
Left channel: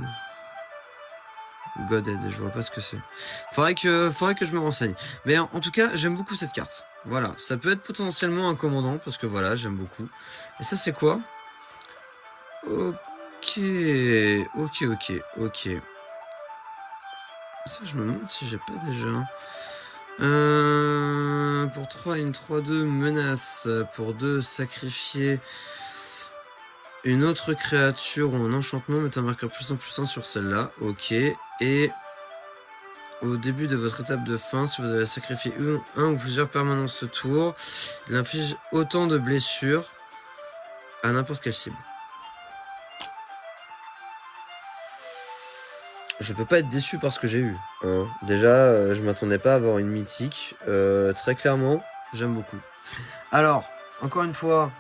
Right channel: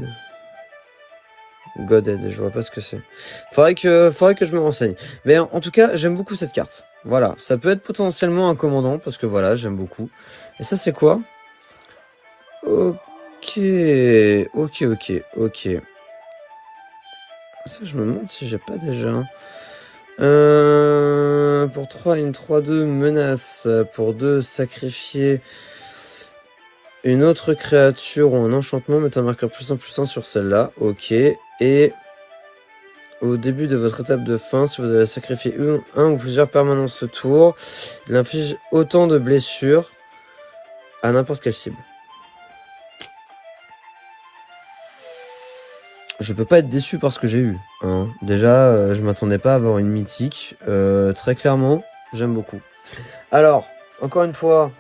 Godhead, je vois pas ce que c'est. Faudrait que je me renseigne. Mais en tout cas, j'aime beaucoup cette carte. Voilà, ça peut être potentiellement un commandant, parce que voilà, j'aime beaucoup. Et ça, c'est quoi? Ok. Ça, je me demande si j'ai pas déjà... Pour 3, une 3-2 menace. Pour 2, sacrifier une autre créature ou un enchantement. Mettez un marqueur +1/+1 sur celle-là. Ok. Et au début de votre étape de fin, si vous avez sacrifié un ou plusieurs permanences ce tour, il inflige autant de blessures à n'importe quelle cible. Je peux pas être déçu par ce que j'ai eu. Hein. Déjà, je m'attendais pas à avoir une mythique. Très clairement, j'aime beaucoup. Alors, encore une fois,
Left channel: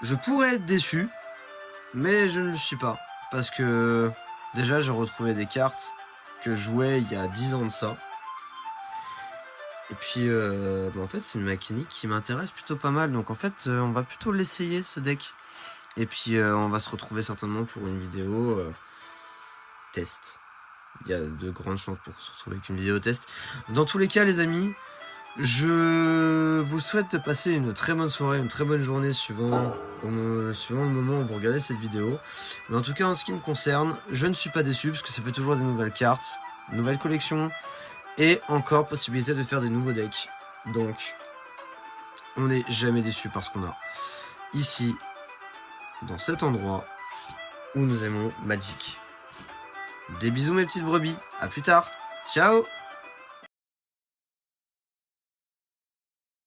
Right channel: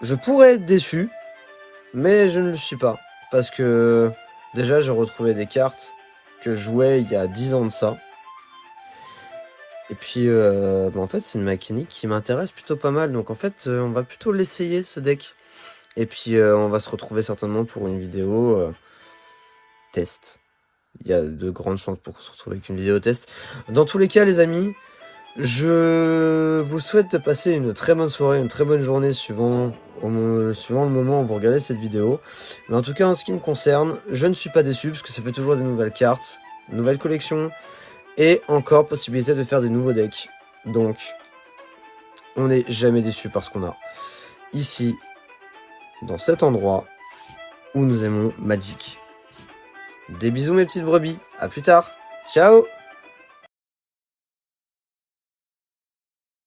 je pourrais être déçu, mais je ne le suis pas. Parce que déjà, j'ai retrouvé des cartes que je jouais il y a 10 ans de ça. Et puis, en fait, c'est une mécanique qui m'intéresse plutôt pas mal. Donc en fait, on va plutôt l'essayer, ce deck. Et puis, on va se retrouver certainement pour une vidéo test. Il y a de grandes chances pour qu'on se retrouve avec une vidéo test. Dans tous les cas, les amis, je vous souhaite de passer une très bonne soirée, une très bonne journée suivant le moment où vous regardez cette vidéo. Mais en tout cas, en ce qui me concerne, je ne suis pas déçu parce que ça fait toujours des nouvelles cartes, nouvelles collections et encore possibilité de faire des nouveaux decks. Donc, on n'est jamais déçu par ce qu'on a ici, dans cet endroit où nous aimons Magic. Des bisous mes petites brebis, à plus tard, ciao!